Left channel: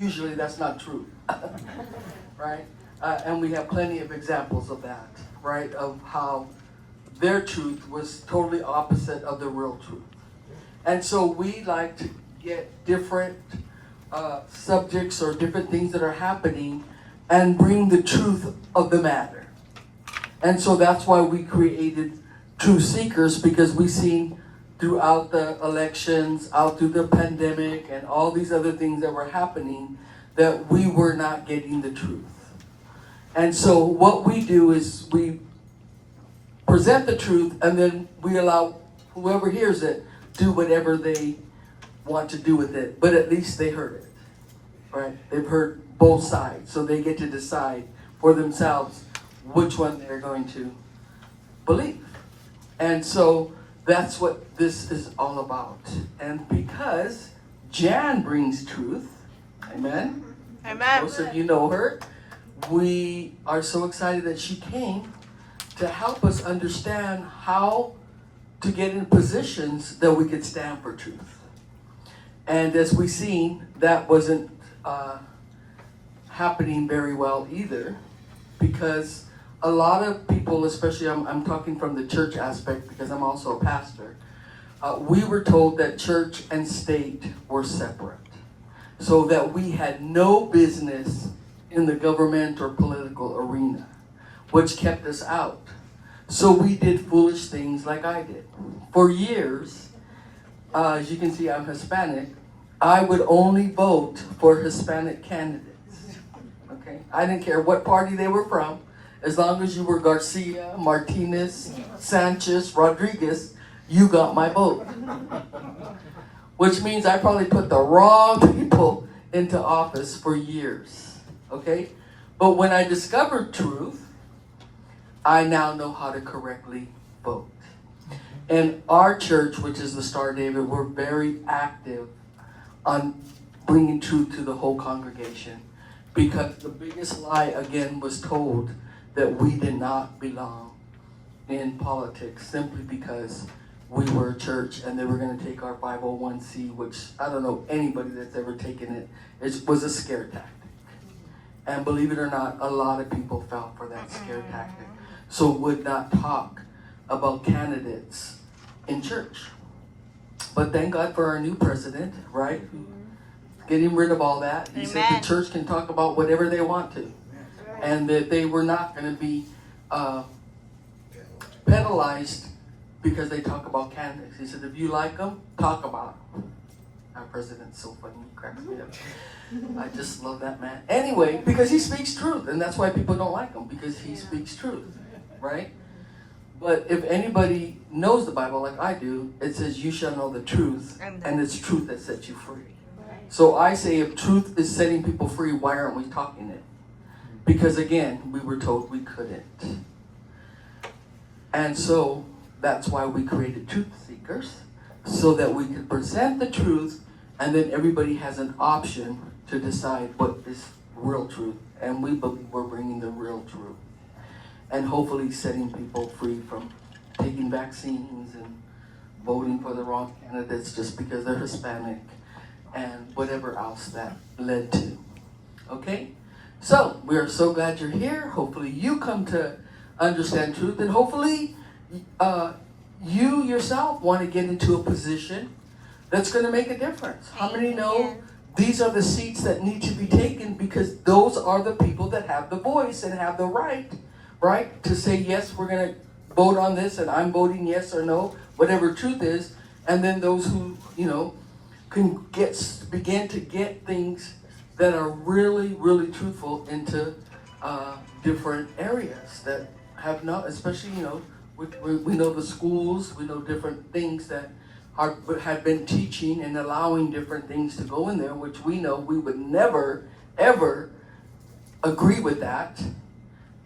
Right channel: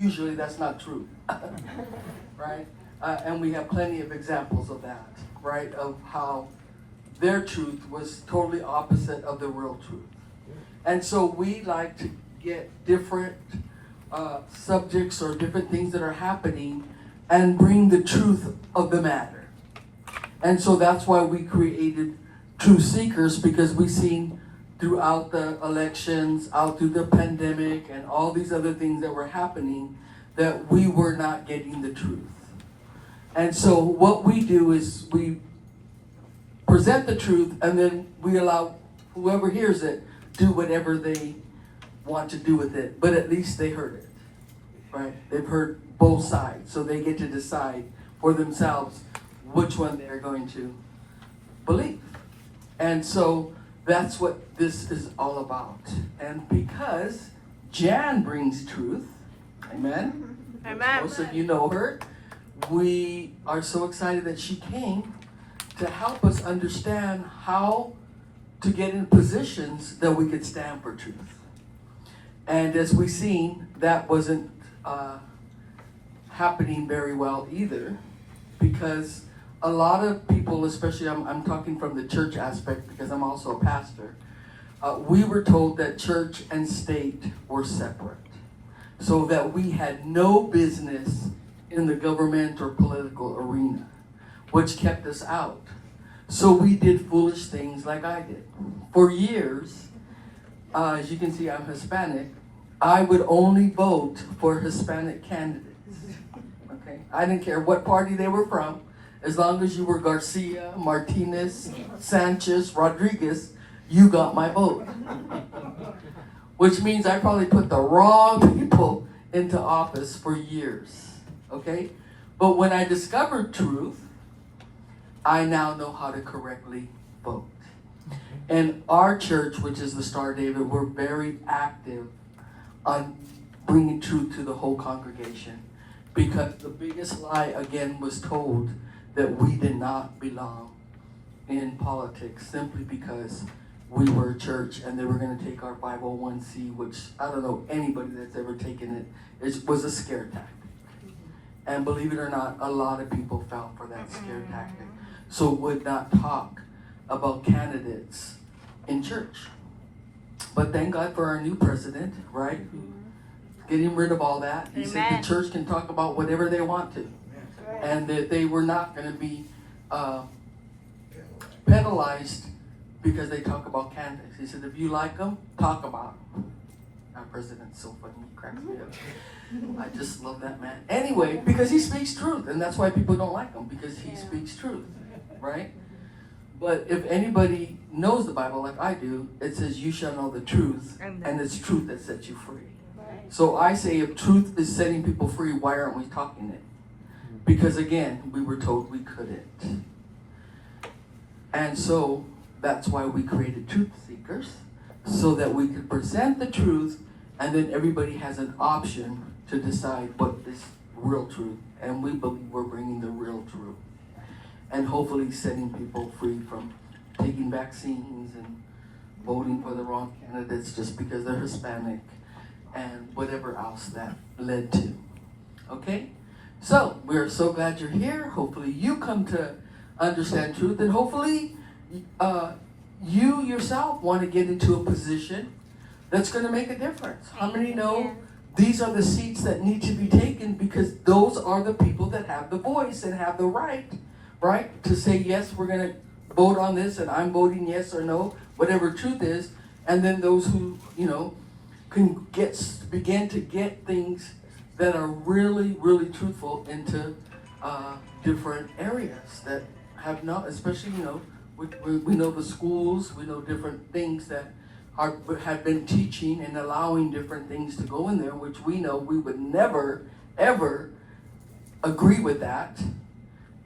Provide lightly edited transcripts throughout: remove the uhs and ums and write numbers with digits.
Usually that's not true, right? And we have plenty of examples of that, right? Of how their truth was totally opposite of the real truth. And so we like to get different subjects or different things that are happening and bring the truth of the matter. And so that's why we created Truth Seekers, because we seen throughout the elections, out through the pandemic, and all these other things that were happening, that we were not getting the truth. And so what we do is we present the truth, and then we allow whoever hears it do whatever they want to do with it. But at least they heard it, right? They've heard both sides, so they get to decide for themselves which one they're going to believe. And so that's what this is all about. And because Jan brings truth, amen? Amen. Most of you know her. We are so excited that she came to help us understand how to get in positions that we could stand for truth. And as we've seen, that wasn't happening very well either, because a lot of people, especially I'm talking from the church aspect because I'm also a pastor, we were told that church and state were separate, so that we had no business in the government or political arena, which kept us out. So we did foolish things like I did. For years, as you can see, I'm Hispanic, I would only vote for Hispanic candidates. Okay, I didn't care what party they were from. As long as you were Garcia, Martinez, Sanchez, Rodriguez, you got my vote. Which means I probably put the wrong people into office for years, okay? But when I discovered truth, I now know how to correctly vote. And our church, which is the Star David, we're very active on bringing truth to the whole congregation, because the biggest lie, again, was told that we did not belong in politics simply because we were a church and they were going to take our 501c, which I don't know anybody that's ever taken it. It was a scare tactic. And believe it or not, a lot of people fell for that scare tactic. So would not talk about candidates in church. But thank God for our new president, right? Getting rid of all that. He said the church can talk about whatever they want to. And that they were not going to be penalized because they talk about candidates. He said, if you like them, talk about them. Our president's so funny, he cracks me up. I just love that man. Anyway, because he speaks truth, and that's why people don't like him, because he speaks truth, right? But if anybody knows the Bible like I do, it says you shall know the truth, and it's truth that sets you free. So I say, if truth is setting people free, why aren't we talking it? Because again, we were told we couldn't. And so that's why we created Truth Seekers, so that we could present the truth, and then everybody has an option to decide what is real truth. And we believe we're bringing the real truth. And hopefully setting people free from taking vaccines and voting for the wrong candidates just because they're Hispanic, and whatever else that led to. Okay? So, we are so glad you're here. Hopefully you come to understand truth, and hopefully you yourself want to get into a position that's going to make a difference. How many know these are the seats that need to be taken, because those are the people that have the voice and have the right, to say, yes, we're going to vote on this, and I'm voting yes or no, whatever truth is. And then those who, can begin to get things that are really, really truthful into different areas that have not, especially, we know the schools, we know different things that have been teaching and allowing different things to go in there, which we know we would never, ever agree with that.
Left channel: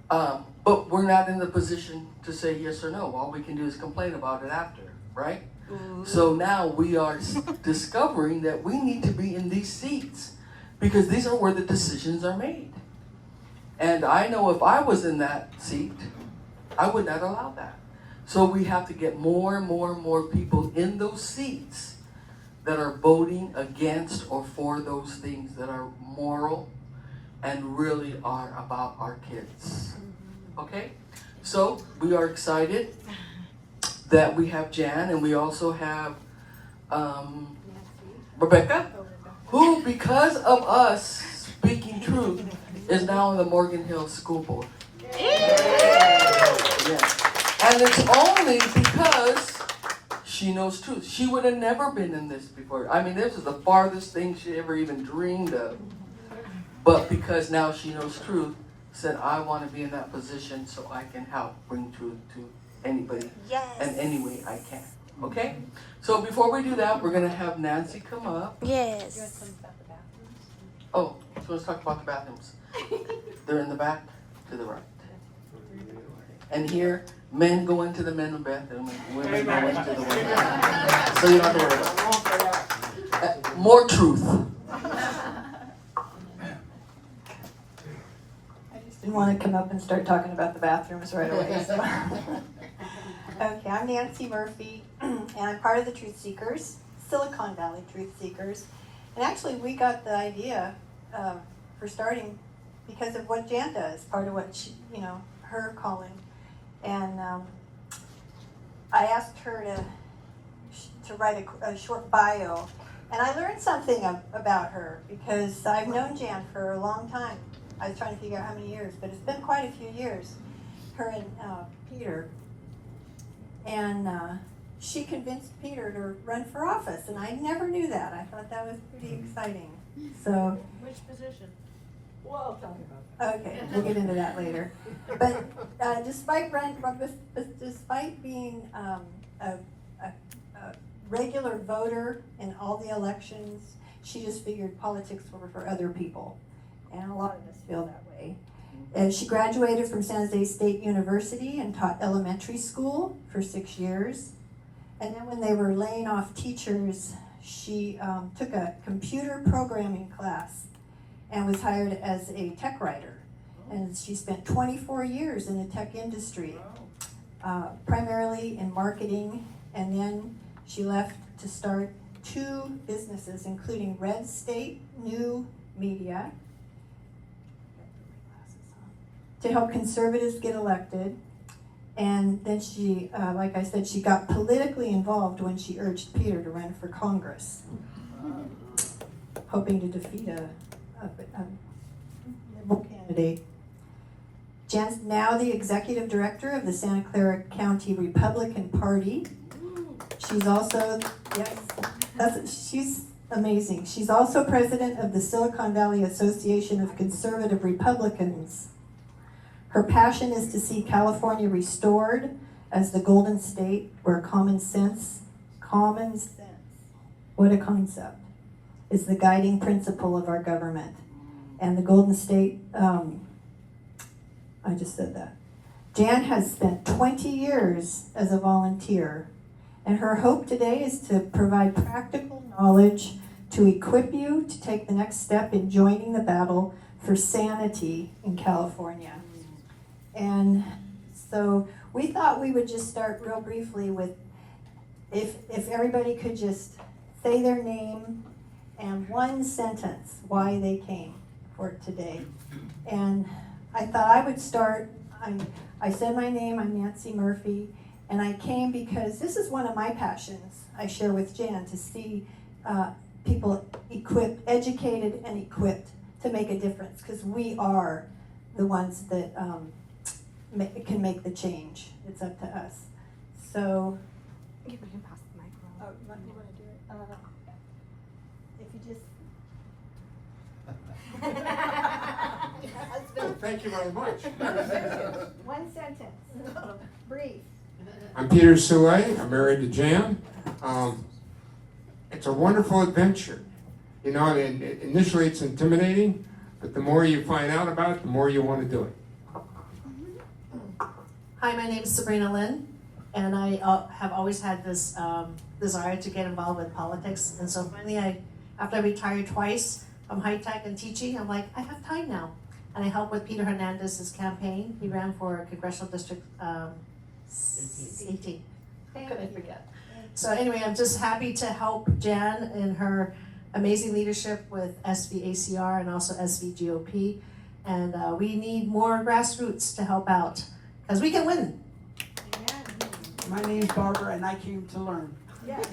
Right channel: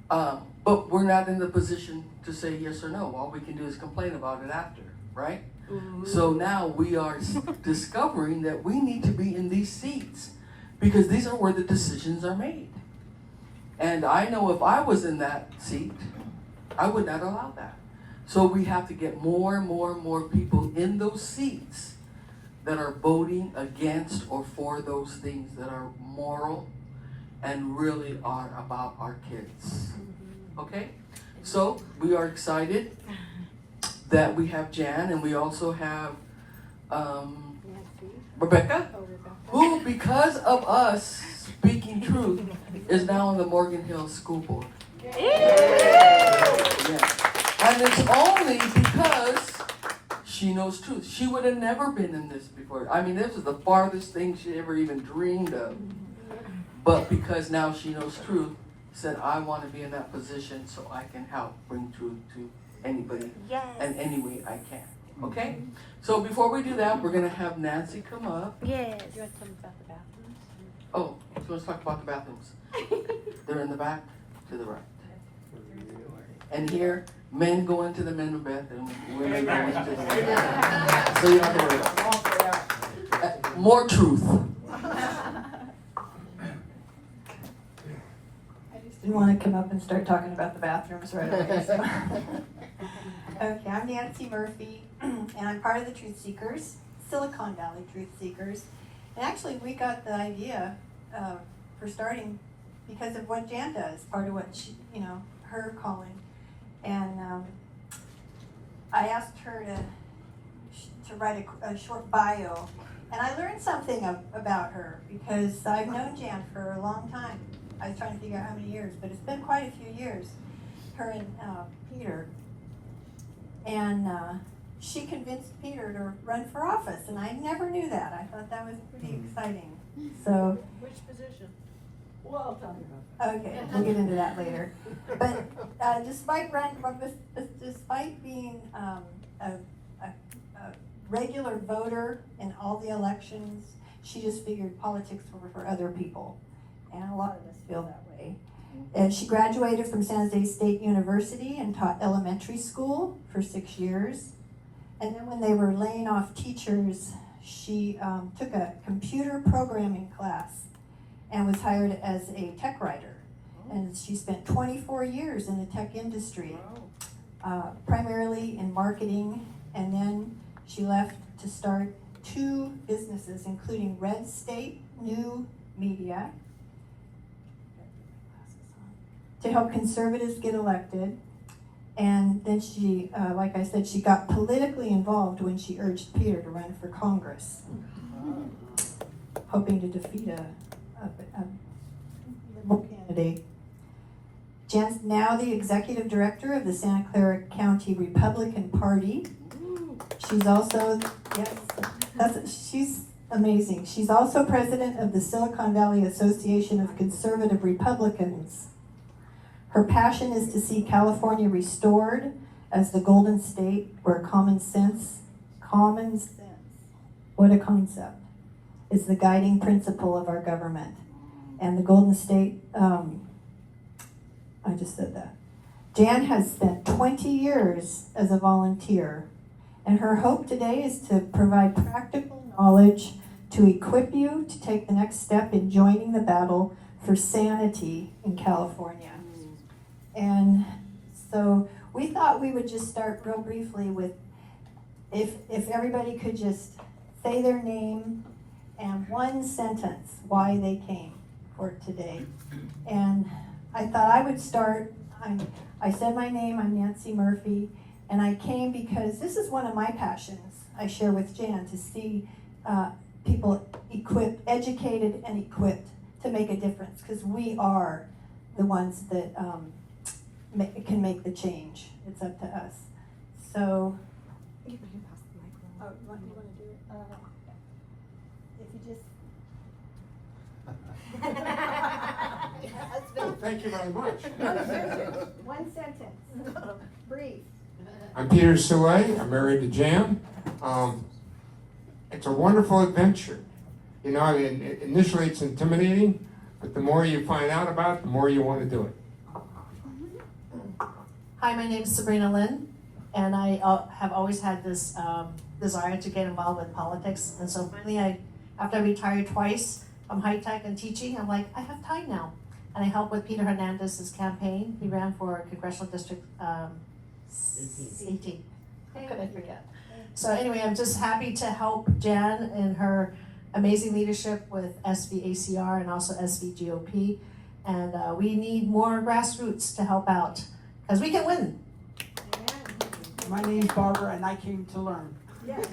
But we're not in the position to say yes or no. All we can do is complain about it after, right? Ooh. So now we are discovering that we need to be in these seats, because these are where the decisions are made. And I know if I was in that seat, I would not allow that. So we have to get more and more and more people in those seats that are voting against or for those things that are moral and really are about our kids. Okay? So we are excited that we have Jan, and we also have Rebecca, who, because of us speaking truth, is now on the Morgan Hill School Board. Yes. And it's only because she knows truth. She would have never been in this before. I mean, this is the farthest thing she ever even dreamed of. But because now she knows truth, said, I want to be in that position so I can help bring truth to anybody in any way I can. Okay? So before we do that, we're going to have Nancy come up. Yes. Oh, so let's talk about the bathrooms. They're in the back to the right. And here, men go into the men's bathroom, women go into the women's. So you don't have to worry. More truth. You want to come up and start talking about the bathrooms right away. So. Okay, I'm Nancy Murphy, and I'm part of the Truth Seekers, Silicon Valley Truth Seekers. And actually, we got the idea for starting because of what Jan does, part of what she, her calling. And I asked her to write a short bio, and I learned something about her because I've known Jan for a long time. I was trying to figure out how many years, but it's been quite a few years, her and Peter. And she convinced Peter to run for office, and I never knew that. I thought that was pretty exciting. So, which position? well, I'll tell you about that. Okay, we'll get into that later. But despite being a regular voter in all the elections, she just figured politics were for other people. And a lot of us feel that way. And she graduated from San Jose State University and taught elementary school for 6 years. And then when they were laying off teachers, she took a computer programming class and was hired as a tech writer. And she spent 24 years in the tech industry, primarily in marketing. And then she left to start 2 businesses, including Red State New Media, to help conservatives get elected. And then she, like I said, she got politically involved when she urged Peter to run for Congress, hoping to defeat a liberal candidate. Jan's now the executive director of the Santa Clara County Republican Party. She's also, she's amazing. She's also president of the Silicon Valley Association of Conservative Republicans. Her passion is to see California restored as the Golden State where common sense, what a concept, is the guiding principle of our government. And the Golden State, I just said that. Jan has spent 20 years as a volunteer, and her hope today is to provide practical knowledge to equip you to take the next step in joining the battle for sanity in California. And so we thought we would just start real briefly with if everybody could just say their name and one sentence why they came for today. And I thought I would start. I said my name, I'm Nancy Murphy, and I came because this is one of my passions I share with Jan, to see people educated and equipped to make a difference, because we are the ones that can make the change. It's up to us. So, You can pass the microphone. you want to do it? If you just Thank you very much. one sentence, brief. I'm Peter Soule. I'm married to Jan. It's a wonderful adventure. You know, initially it's intimidating, but the more you find out about it, the more you want to do it. Hi, my name is Sabrina Lynn, and I have always had this desire to get involved in politics. And so finally, after I retired twice from high tech and teaching, I'm like, I have time now. And I helped with Peter Hernandez's campaign. He ran for Congressional District 18. How could I forget? So anyway, I'm just happy to help Jan in her amazing leadership with SVACR and also SVGOP. And we need more grassroots to help out, because we can win. My name's Barbara, and I came to learn. Yeah, right.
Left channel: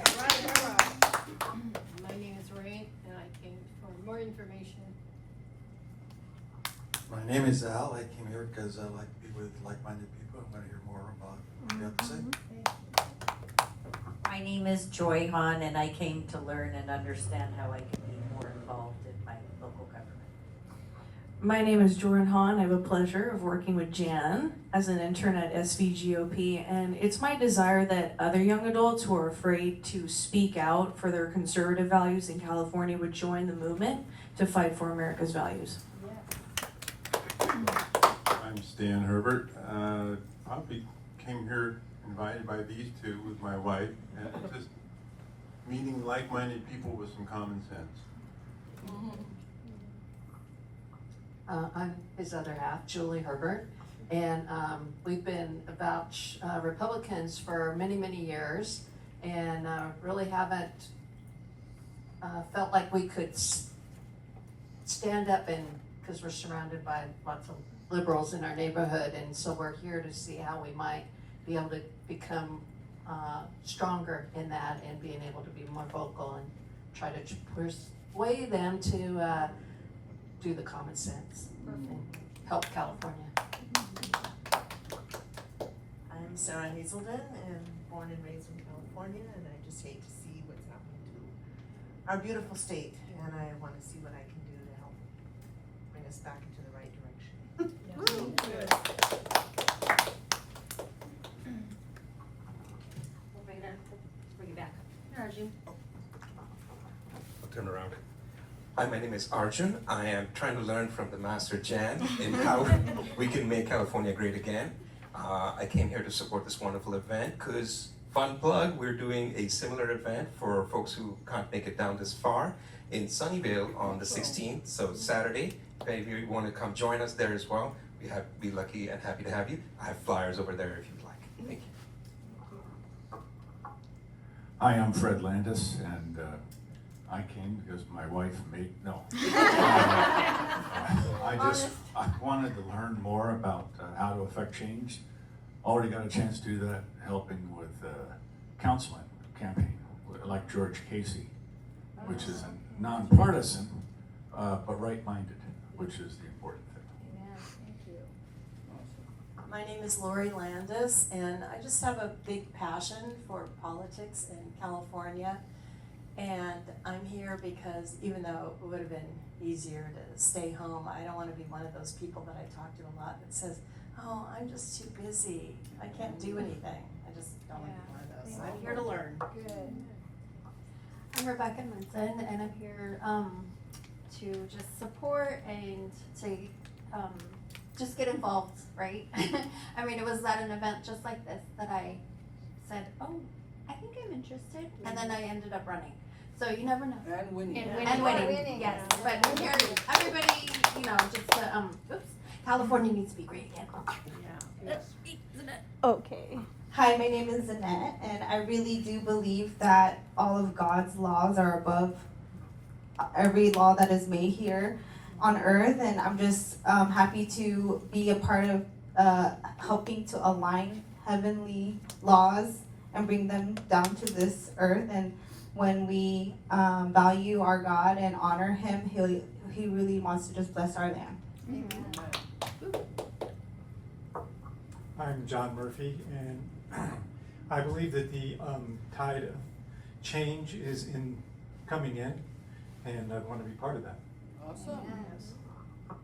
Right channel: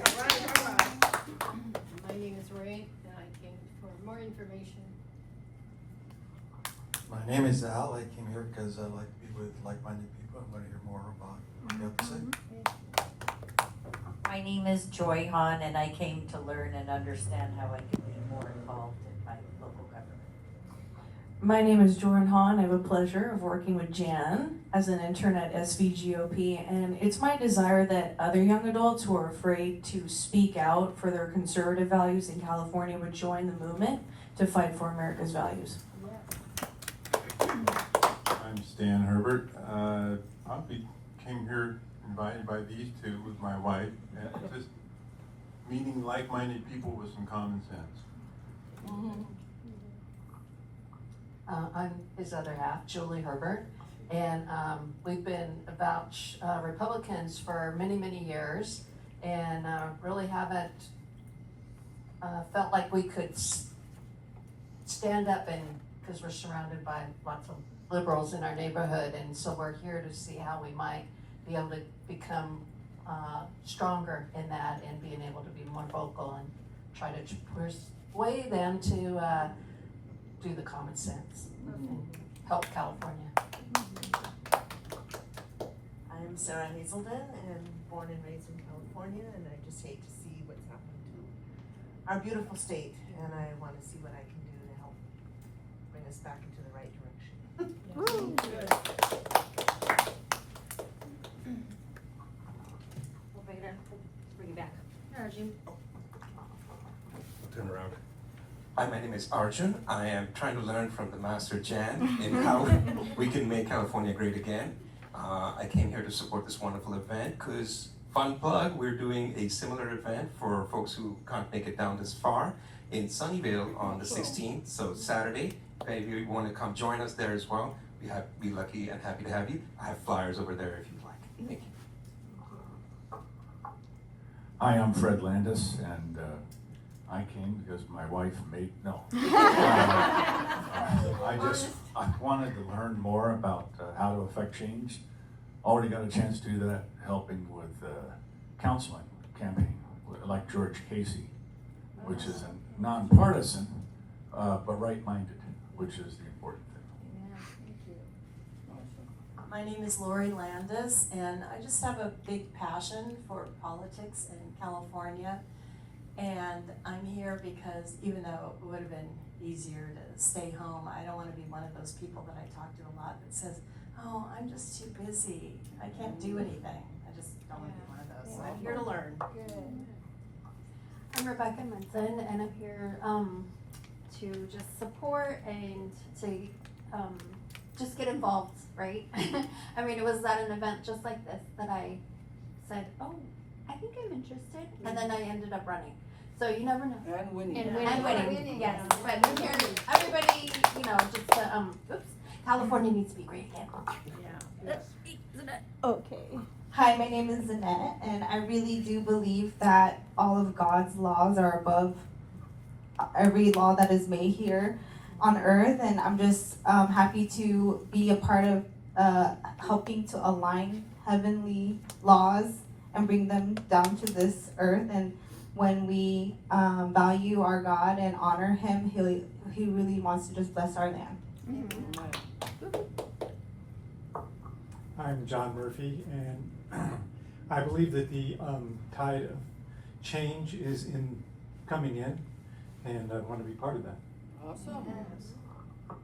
My name is Ray, and I came for more information. My name is Al. I came here because I like to be with like-minded people. I'm going to hear more about what you have to say. My name is Joy Han, and I came to learn and understand how I can be more involved in my local government. My name is Joran Han. I have a pleasure of working with Jan as an intern at SVGOP, and it's my desire that other young adults who are afraid to speak out for their conservative values in California would join the movement to fight for America's values. I'm Stan Herbert. Came here invited by these two with my wife. And just meeting like-minded people with some common sense. I'm his other half, Julie Herbert, and we've been about Republicans for many, many years, and really haven't felt like we could stand up, and because we're surrounded by lots of liberals in our neighborhood, and so we're here to see how we might be able to become stronger in that and being able to be more vocal and try to persuade them to do the common sense and help California. I'm Sarah Hazelden and born and raised in California, and I just hate to see what's happening to our beautiful state, and I want to see what I can do to help bring us back into the right direction. We'll bring it back up. Arjun. Turn around. Hi, my name is Arjun. I am trying to learn from the Master Jan in how we can make California great again. I came here to support this wonderful event because, fun plug, we're doing a similar event for folks who can't make it down this far in Sunnyvale on the 16th, so Saturday. If you want to come join us there as well, be lucky and happy to have you. I have flyers over there if you'd like. Thank you. Hi, I'm Fred Landis, and I came because my wife made, no. I wanted to learn more about how to affect change. Already got a chance to do that, helping with counseling campaign, like George Casey, which is a nonpartisan, but right-minded, which is the important thing. Yeah, thank you. My name is Lori Landis, and I just have a big passion for politics in California. And I'm here because even though it would have been easier to stay home, I don't want to be one of those people that I talk to a lot that says, oh, I'm just too busy. I can't do anything. I just don't want to be one of those. So I'm here to learn. Good. I'm Rebecca Munson, and I'm here to just support and to just get involved, right? I mean, it was at an event just like this that I said, oh, I think I'm interested, and then I ended up running. So you never know. And winning. And winning, yes. But we're here, everybody, just to, California needs to be great again. Yeah. Okay. Hi, my name is Zanette, and I really do believe that all of God's laws are above every law that is made here on earth, and I'm just happy to be a part of helping to align heavenly laws and bring them down to this earth. And when we value our God and honor Him, He really wants to just bless our land. I'm John Murphy, and I believe that the tide of change is coming in, and I want to be part of that. Awesome. Yes.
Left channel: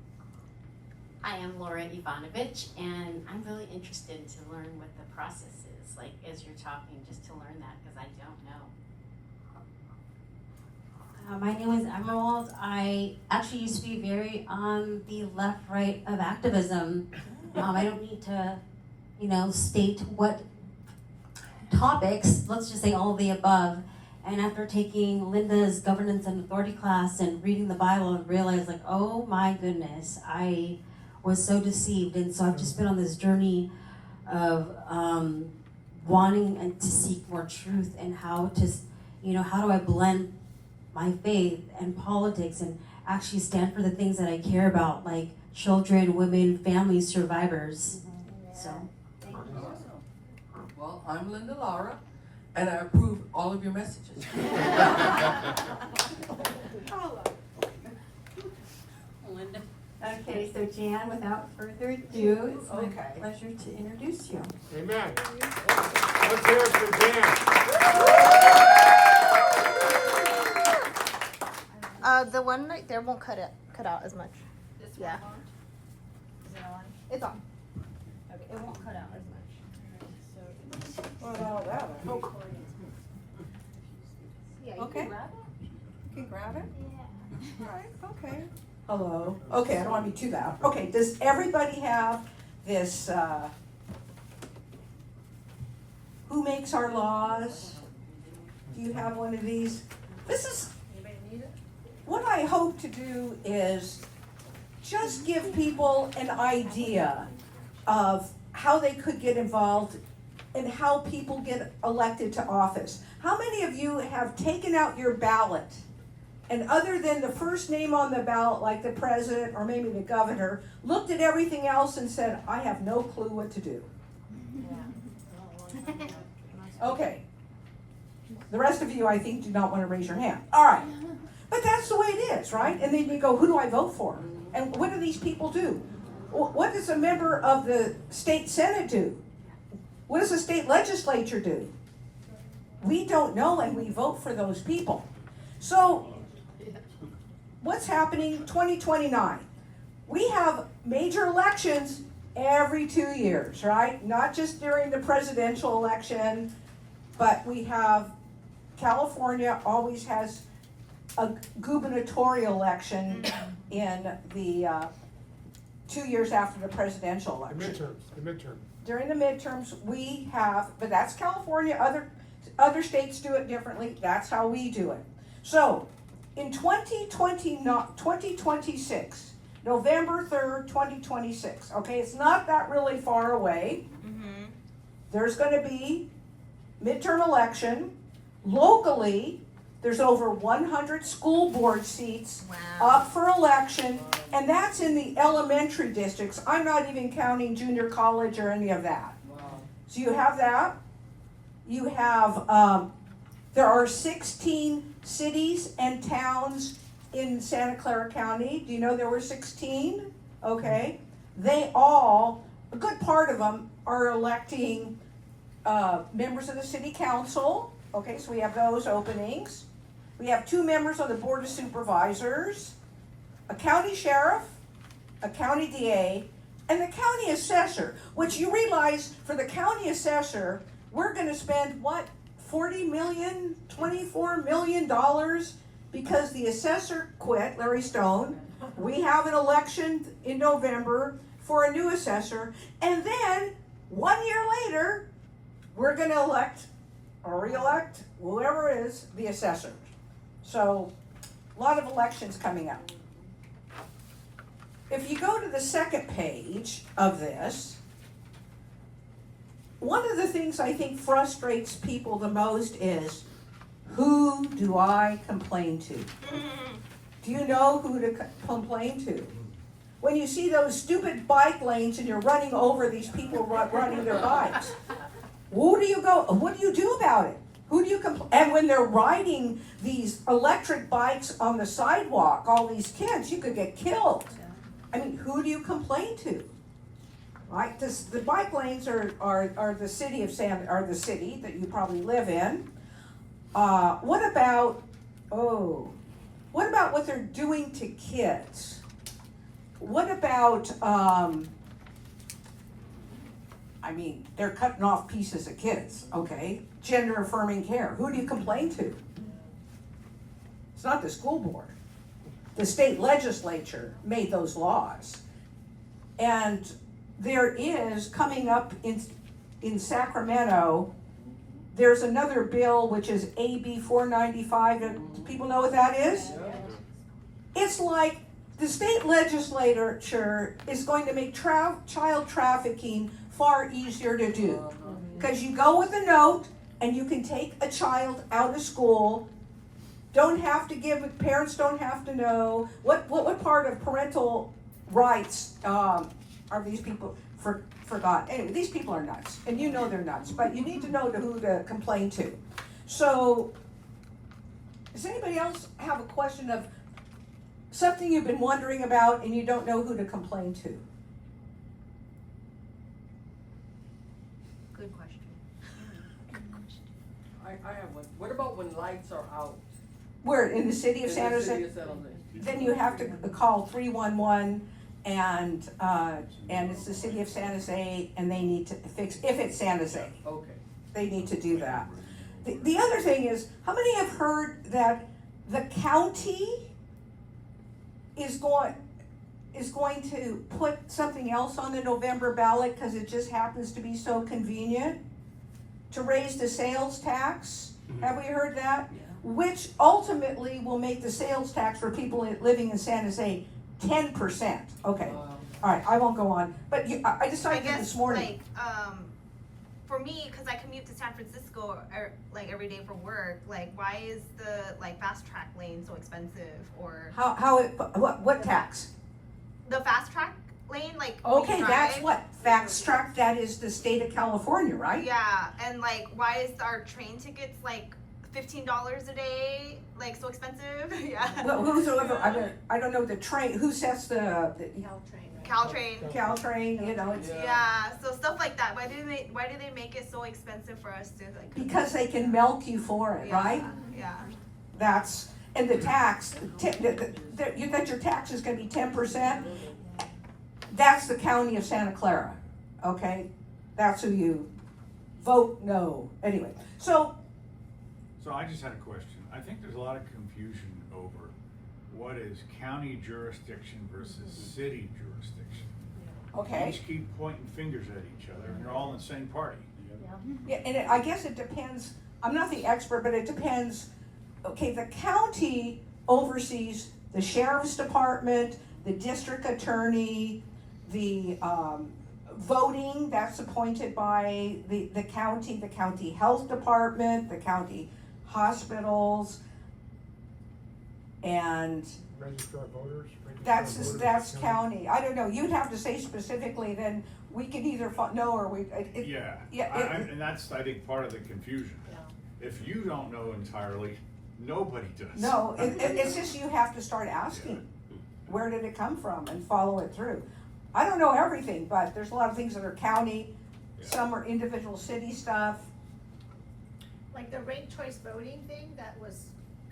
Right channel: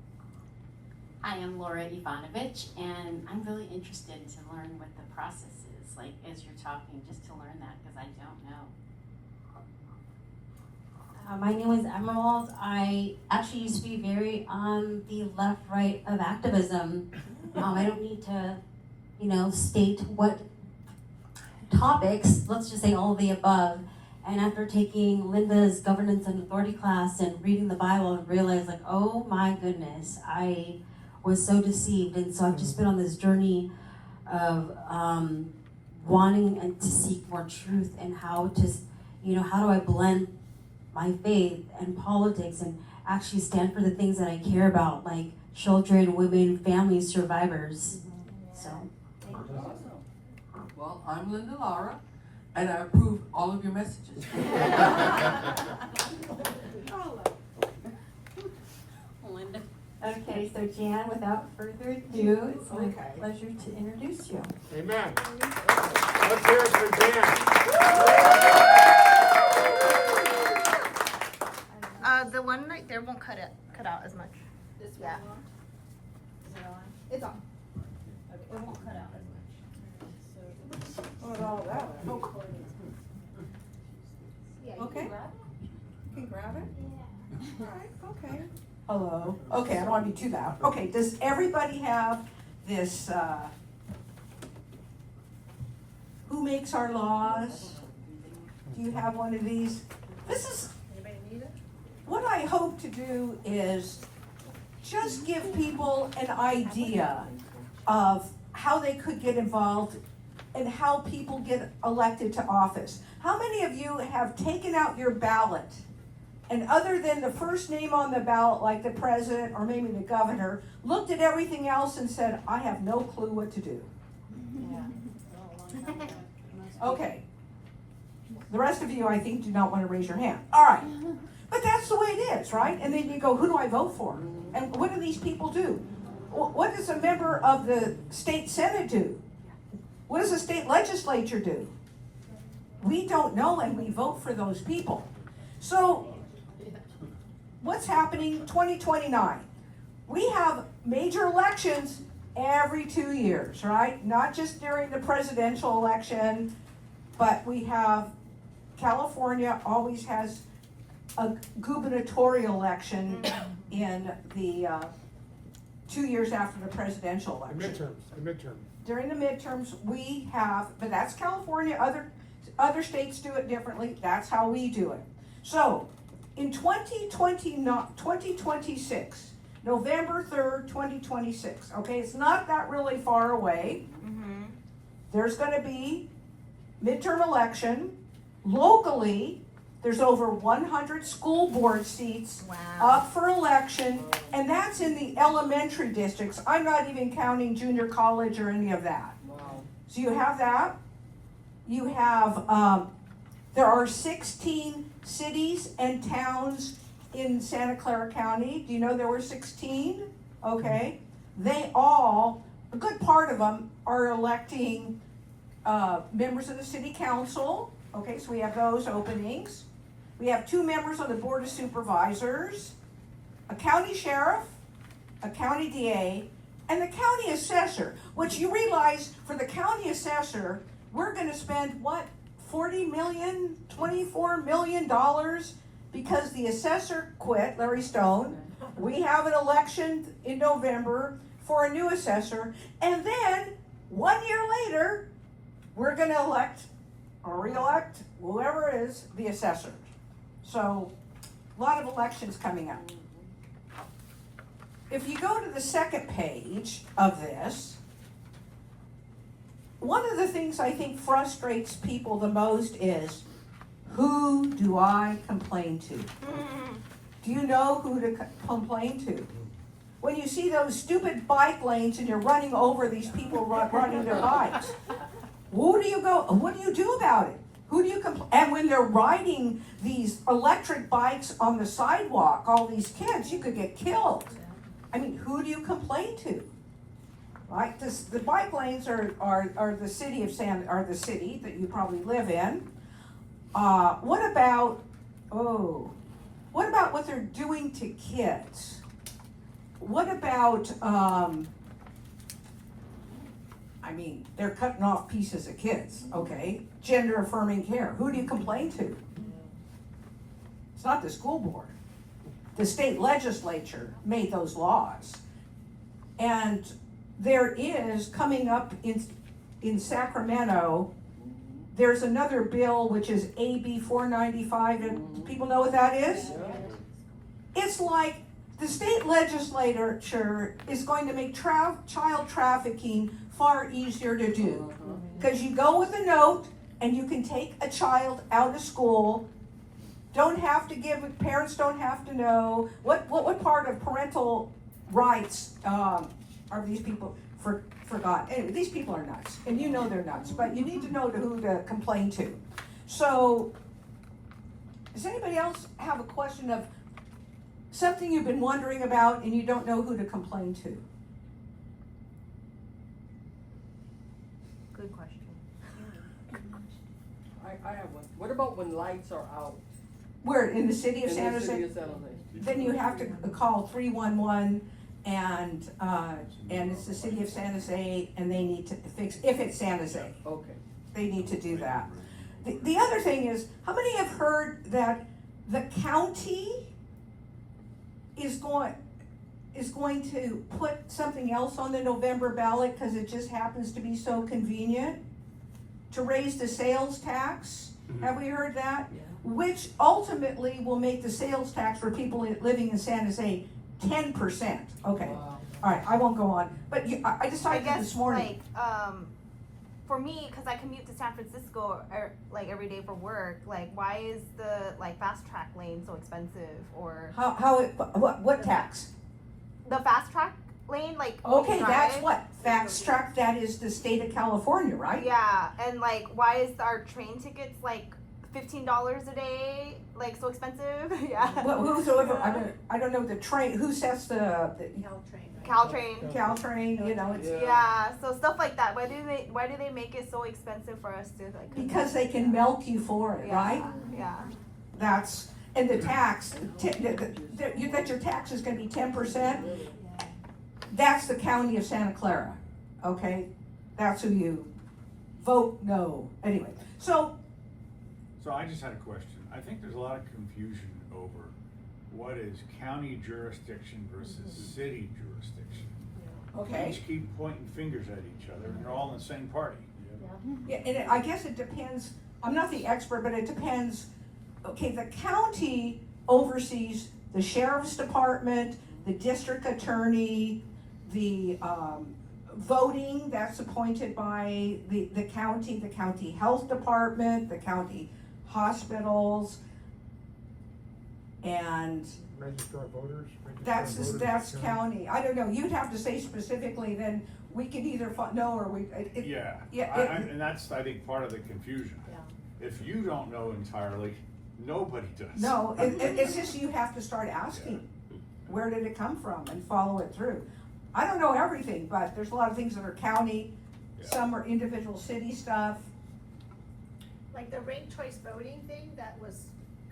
I am Laura Ivanovich, and I'm really interested to learn what the process is, like as you're talking, just to learn that, because I don't know. My name is Emerald. I actually used to be very on the left-right of activism. I don't need to, state what topics, let's just say all of the above. And after taking Linda's governance and authority class and reading the Bible, I realized oh my goodness, I was so deceived. And so I've just been on this journey of wanting and to seek more truth and how to, how do I blend my faith and politics and actually stand for the things that I care about, like children, women, families, survivors. So. Well, I'm Linda Laura, and I approve all of your messages. Linda. Okay, so Jan, without further ado, it's my pleasure to introduce you. Amen. Let's hear it for Jan. The one right there won't cut out as much. This one on? Is it on? It's on. Okay, it won't cut out as much. What all that? Yeah, you Okay. can grab it. You can grab it? Yeah. All right, okay. Hello. Okay, I don't want to be too loud. Okay, does everybody have this, who makes our laws? Do you have one of these? This is, Anybody need it? what I hope to do is just give people an idea of how they could get involved and how people get elected to office. How many of you have taken out your ballot and other than the first name on the ballot, like the president or maybe the governor, looked at everything else and said, I have no clue what to do? Okay. The rest of you, I think, do not want to raise your hand. All right. But that's the way it is, right? And then you go, who do I vote for? And what do these people do? What does a member of the state senate do? What does the state legislature do? We don't know, and we vote for those people. So, what's happening 2029? We have major elections every 2 years, right? Not just during the presidential election, but we have, California always has a gubernatorial election in the 2 years after the presidential election. The midterms. During the midterms, we have, but that's California, other states do it differently, that's how we do it. So, in 2026, November 3rd, 2026, okay, it's not that really far away. There's gonna be midterm election. Locally, there's over 100 school board seats up for election, and that's in the elementary districts. I'm not even counting junior college or any of that. So you have that. You have, there are 16 cities and towns in Santa Clara County. Do you know there were 16? Okay. They all, a good part of them, are electing members of the city council. Okay, so we have those openings. We have 2 members on the board of supervisors, a county sheriff, a county DA, and the county assessor, which you realize for the county assessor, we're gonna spend what, $40 million, $24 million because the assessor quit, Larry Stone. We have an election in November for a new assessor, and then 1 year later, we're gonna elect or re-elect whoever is the assessor. So, a lot of elections coming up. If you go to the second page of this, one of the things I think frustrates people the most is, who do I complain to? Do you know who to complain to? When you see those stupid bike lanes and you're running over these people riding their bikes, who do you go, what do you do about it? Who do you complain? And when they're riding these electric bikes on the sidewalk, all these kids, you could get killed. I mean, who do you complain to? Right? The bike lanes are the city of are the city that you probably live in. What about what they're doing to kids? What about, I mean, they're cutting off pieces of kids, okay? Gender affirming care, who do you complain to? It's not the school board. The state legislature made those laws. And there is, coming up in Sacramento, there's another bill which is AB 495, and people know what that is? It's like the state legislature is going to make child trafficking far easier to do. Because you go with a note and you can take a child out of school. Don't have to give, parents don't have to know. What part of parental rights are these people forgot? Anyway, these people are nuts, and you know they're nuts, but you need to know who to complain to. So, does anybody else have a question of something you've been wondering about and you don't know who to complain to? Good question. I have one. What about when lights are out? Where, in the city of In San the Jose? city of San Jose. Then you have to call 311 and it's the city of San Jose and they need to fix, if it's San Jose, Okay. they need to do that. The other thing is, how many have heard that the county is going to put something else on the November ballot because it just happens to be so convenient? To raise the sales tax? Have we heard that? Which ultimately will make the sales tax for people living in San Jose 10%. Okay, all right, I won't go on. But I decided this morning. For me, because I commute to San Francisco like every day for work, like why is the like fast track lane so expensive? Or What tax? The fast track lane, like when you Okay, drive? that's what, fast track, that is the state of California, right? Yeah, and like why is our train tickets like $15 a day, like so expensive? Yeah. Well, whosoever, I don't know the train, who sets the Caltrain. Caltrain, you know, it's. Yeah, so stuff like that. Why do they make it so expensive for us to like? Because they can milk you for it, right? Yeah. That's, and the tax, that your tax is gonna be 10%. That's the county of Santa Clara, okay? That's who you vote no. Anyway, so I just had a question. I think there's a lot of confusion over what is county jurisdiction versus city jurisdiction. Okay. They each keep pointing fingers at each other, and they're all in the same party. Yeah, and I guess it depends, I'm not the expert, but it depends. Okay, the county oversees the sheriff's department, the district attorney, the voting, that's appointed by the county health department, the county hospitals, and Registrar of voters? that's county. I don't know, you'd have to say specifically, then we could either no or we. And that's, I think, part of the confusion. If you don't know entirely, nobody does. No, it's just you have to start asking, where did it come from, and follow it through. I don't know everything, but there's a lot of things that are county, some are individual city stuff. Like the ranked choice voting thing that was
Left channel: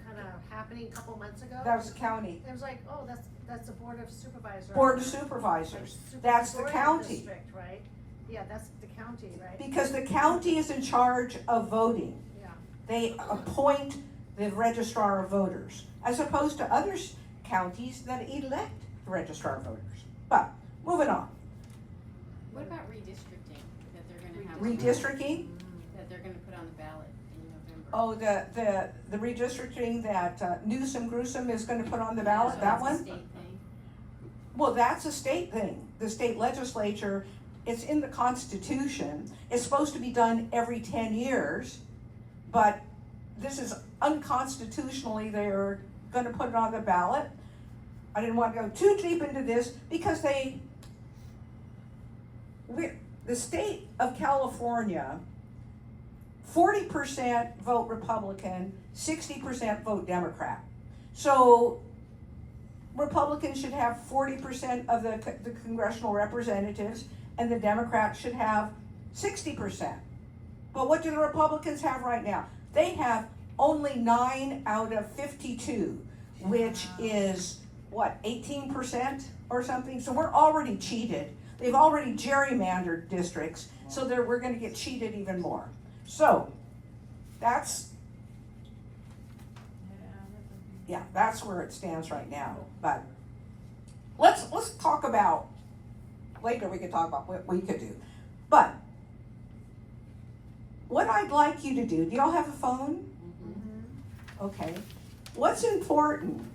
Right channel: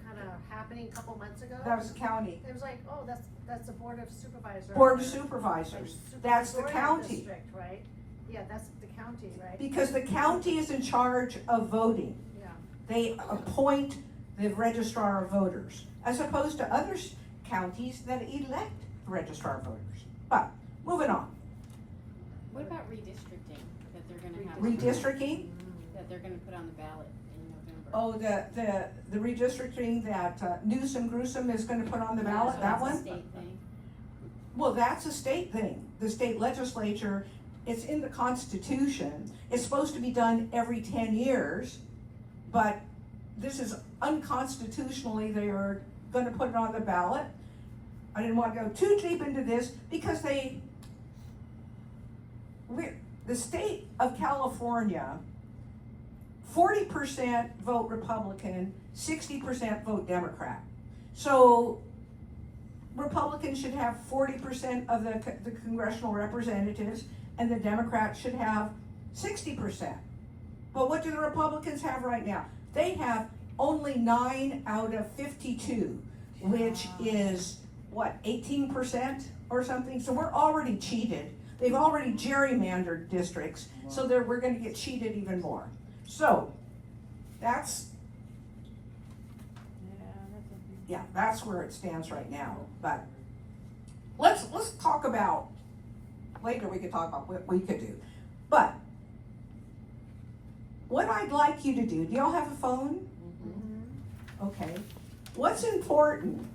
kind of happening a couple months ago. That was county. It was like, oh, that's the board of supervisors. Board of supervisors, that's the county. District, right? Yeah, that's the county, right? Because the county is in charge of voting. Yeah. They appoint the registrar of voters, as opposed to other counties that elect the registrar of voters. But, moving on. What about redistricting that they're gonna have? Redistricting? That they're gonna put on the ballot in November. Oh, the redistricting that Newsom Gruesome is gonna put on the ballot, that one? That's a state thing. Well, that's a state thing. The state legislature, it's in the Constitution. It's supposed to be done every 10 years, but this is unconstitutionally, they're gonna put it on the ballot. I didn't want to go too deep into this because the state of California, 40% vote Republican, 60% vote Democrat. So Republicans should have 40% of the congressional representatives, and the Democrats should have 60%. But what do the Republicans have right now? They have only 9 out of 52, which is, what, 18% or something? So we're already cheated. They've already gerrymandered districts, so we're gonna get cheated even more. So, that's where it stands right now. But let's talk about, later we could talk about what we could do. But what I'd like you to do y'all have a phone? Okay. What's important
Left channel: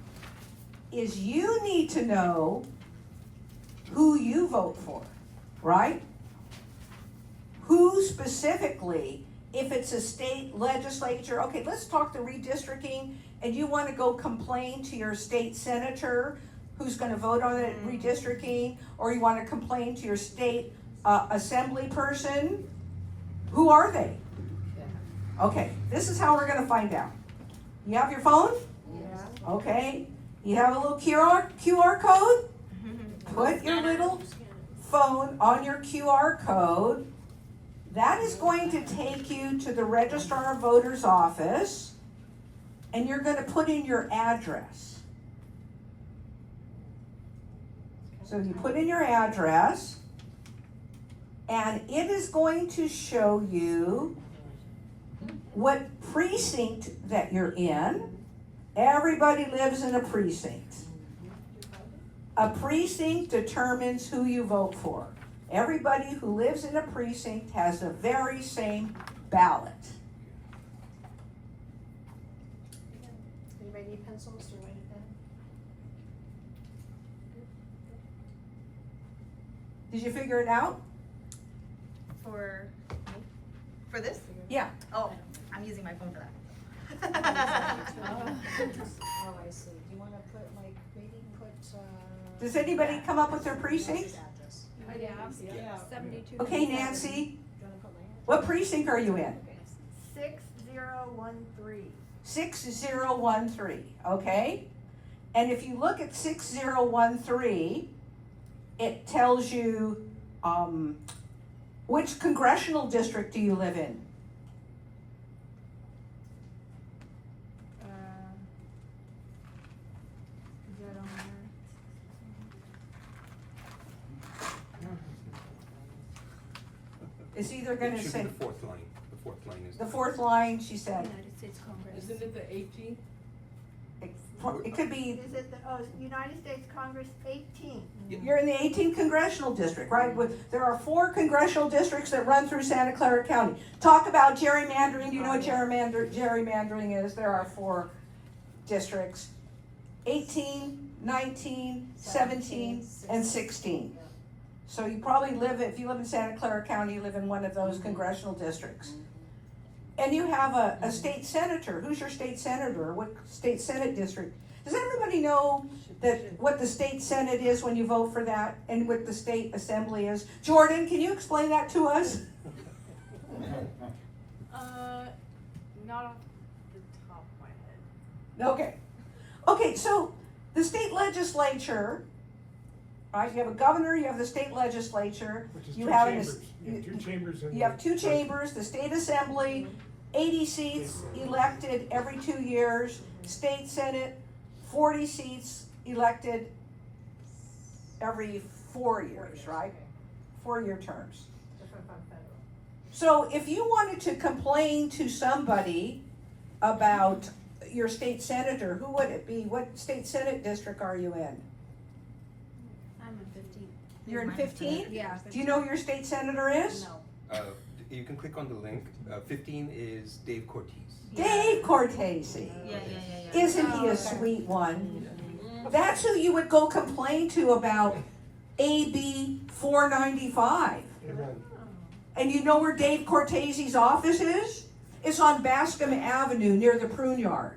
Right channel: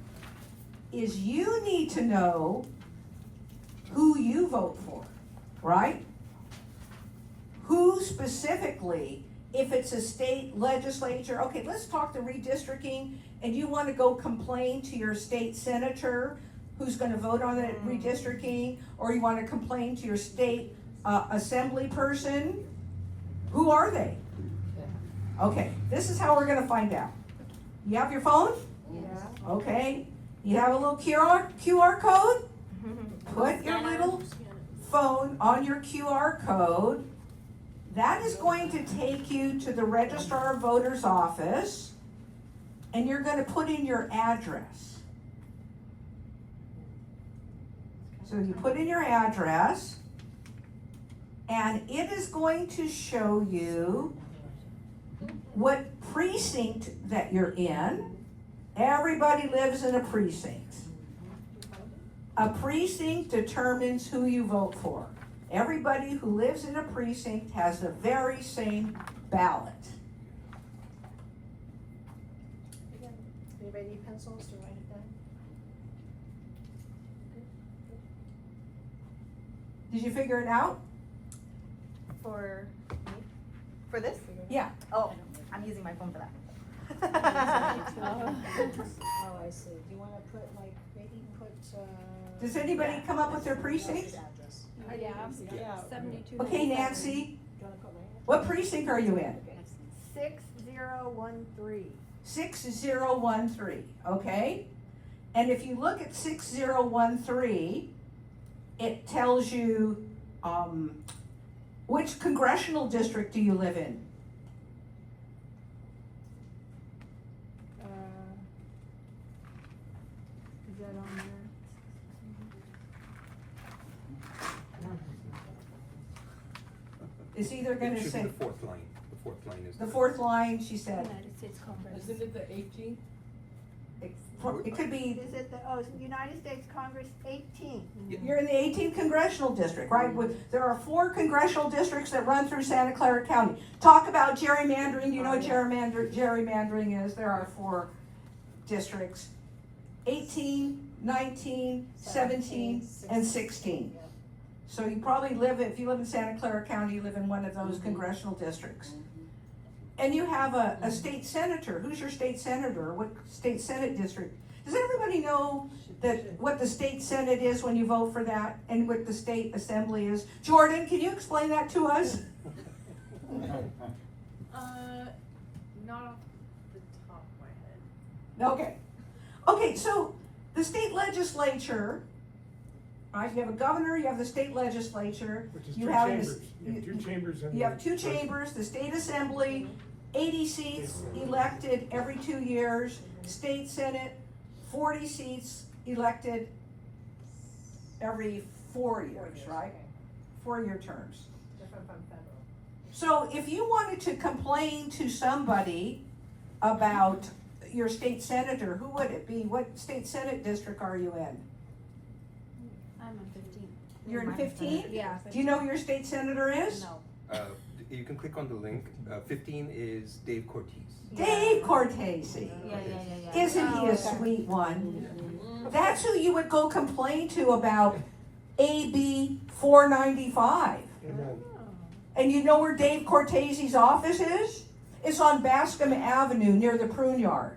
is you need to know who you vote for, right? who specifically, if it's a state legislature, okay, let's talk the redistricting, and you wanna go complain to your state senator who's gonna vote on it redistricting, or you wanna complain to your state assembly person, who are they? Okay, this is how we're gonna find out. You have your phone? Yes. Okay, you have a little QR code? Put your little phone on your QR code. That is going to take you to the Registrar of Voters office, and you're gonna put in your address. So you put in your address, and it is going to show you what precinct that you're in. Everybody lives in a precinct. A precinct determines who you vote for. Everybody who lives in a precinct has the very same ballot. Anybody need pencils to write it down? Did you figure it out? For me? For this? Yeah. Oh, I'm using my phone for that. Oh, I see. Do you wanna put like, maybe put, Does anybody come up with their precinct? Yeah. 72. Okay, Nancy, what precinct are you in? 6013. 6013, okay? And if you look at 6013, it tells you, which congressional district do you live in? It's either It gonna should be say, the fourth line. The fourth line is the fourth line, she said, United States Congress. Isn't it the 18th? it could be, Is it the, United States Congress 18? you're in the 18th congressional district, right? There are 4 congressional districts that run through Santa Clara County. Talk about gerrymandering, do you know what gerrymandering is? There are 4 districts, 18, 19, 17, and 16. So you probably live, if you live in Santa Clara County, you live in one of those congressional districts. And you have a state senator. Who's your state senator? What state senate district? Does everybody know that what the state senate is when you vote for that, and what the state assembly is? Jordan, can you explain that to us? Not off the top of my head. Okay. Okay, so the state legislature, right? You have a governor, you have the state legislature. Which is you two have chambers. You have two chambers in You have 2 chambers, the state assembly, 80 seats elected every 2 years, state senate, 40 seats elected every 4 years, right? 4-year terms. So if you wanted to complain to somebody about your state senator, who would it be? What state senate district are you in? I'm in 15. You're in 15? Yeah. Do you know who your state senator is? No. You can click on the link. 15 is Dave Cortez. Dave Cortese. Yeah. Isn't he a sweet one? That's who you would go complain to about AB 495. Amen. And you know where Dave Cortese's office is? It's on Bascom Avenue near the prune yard.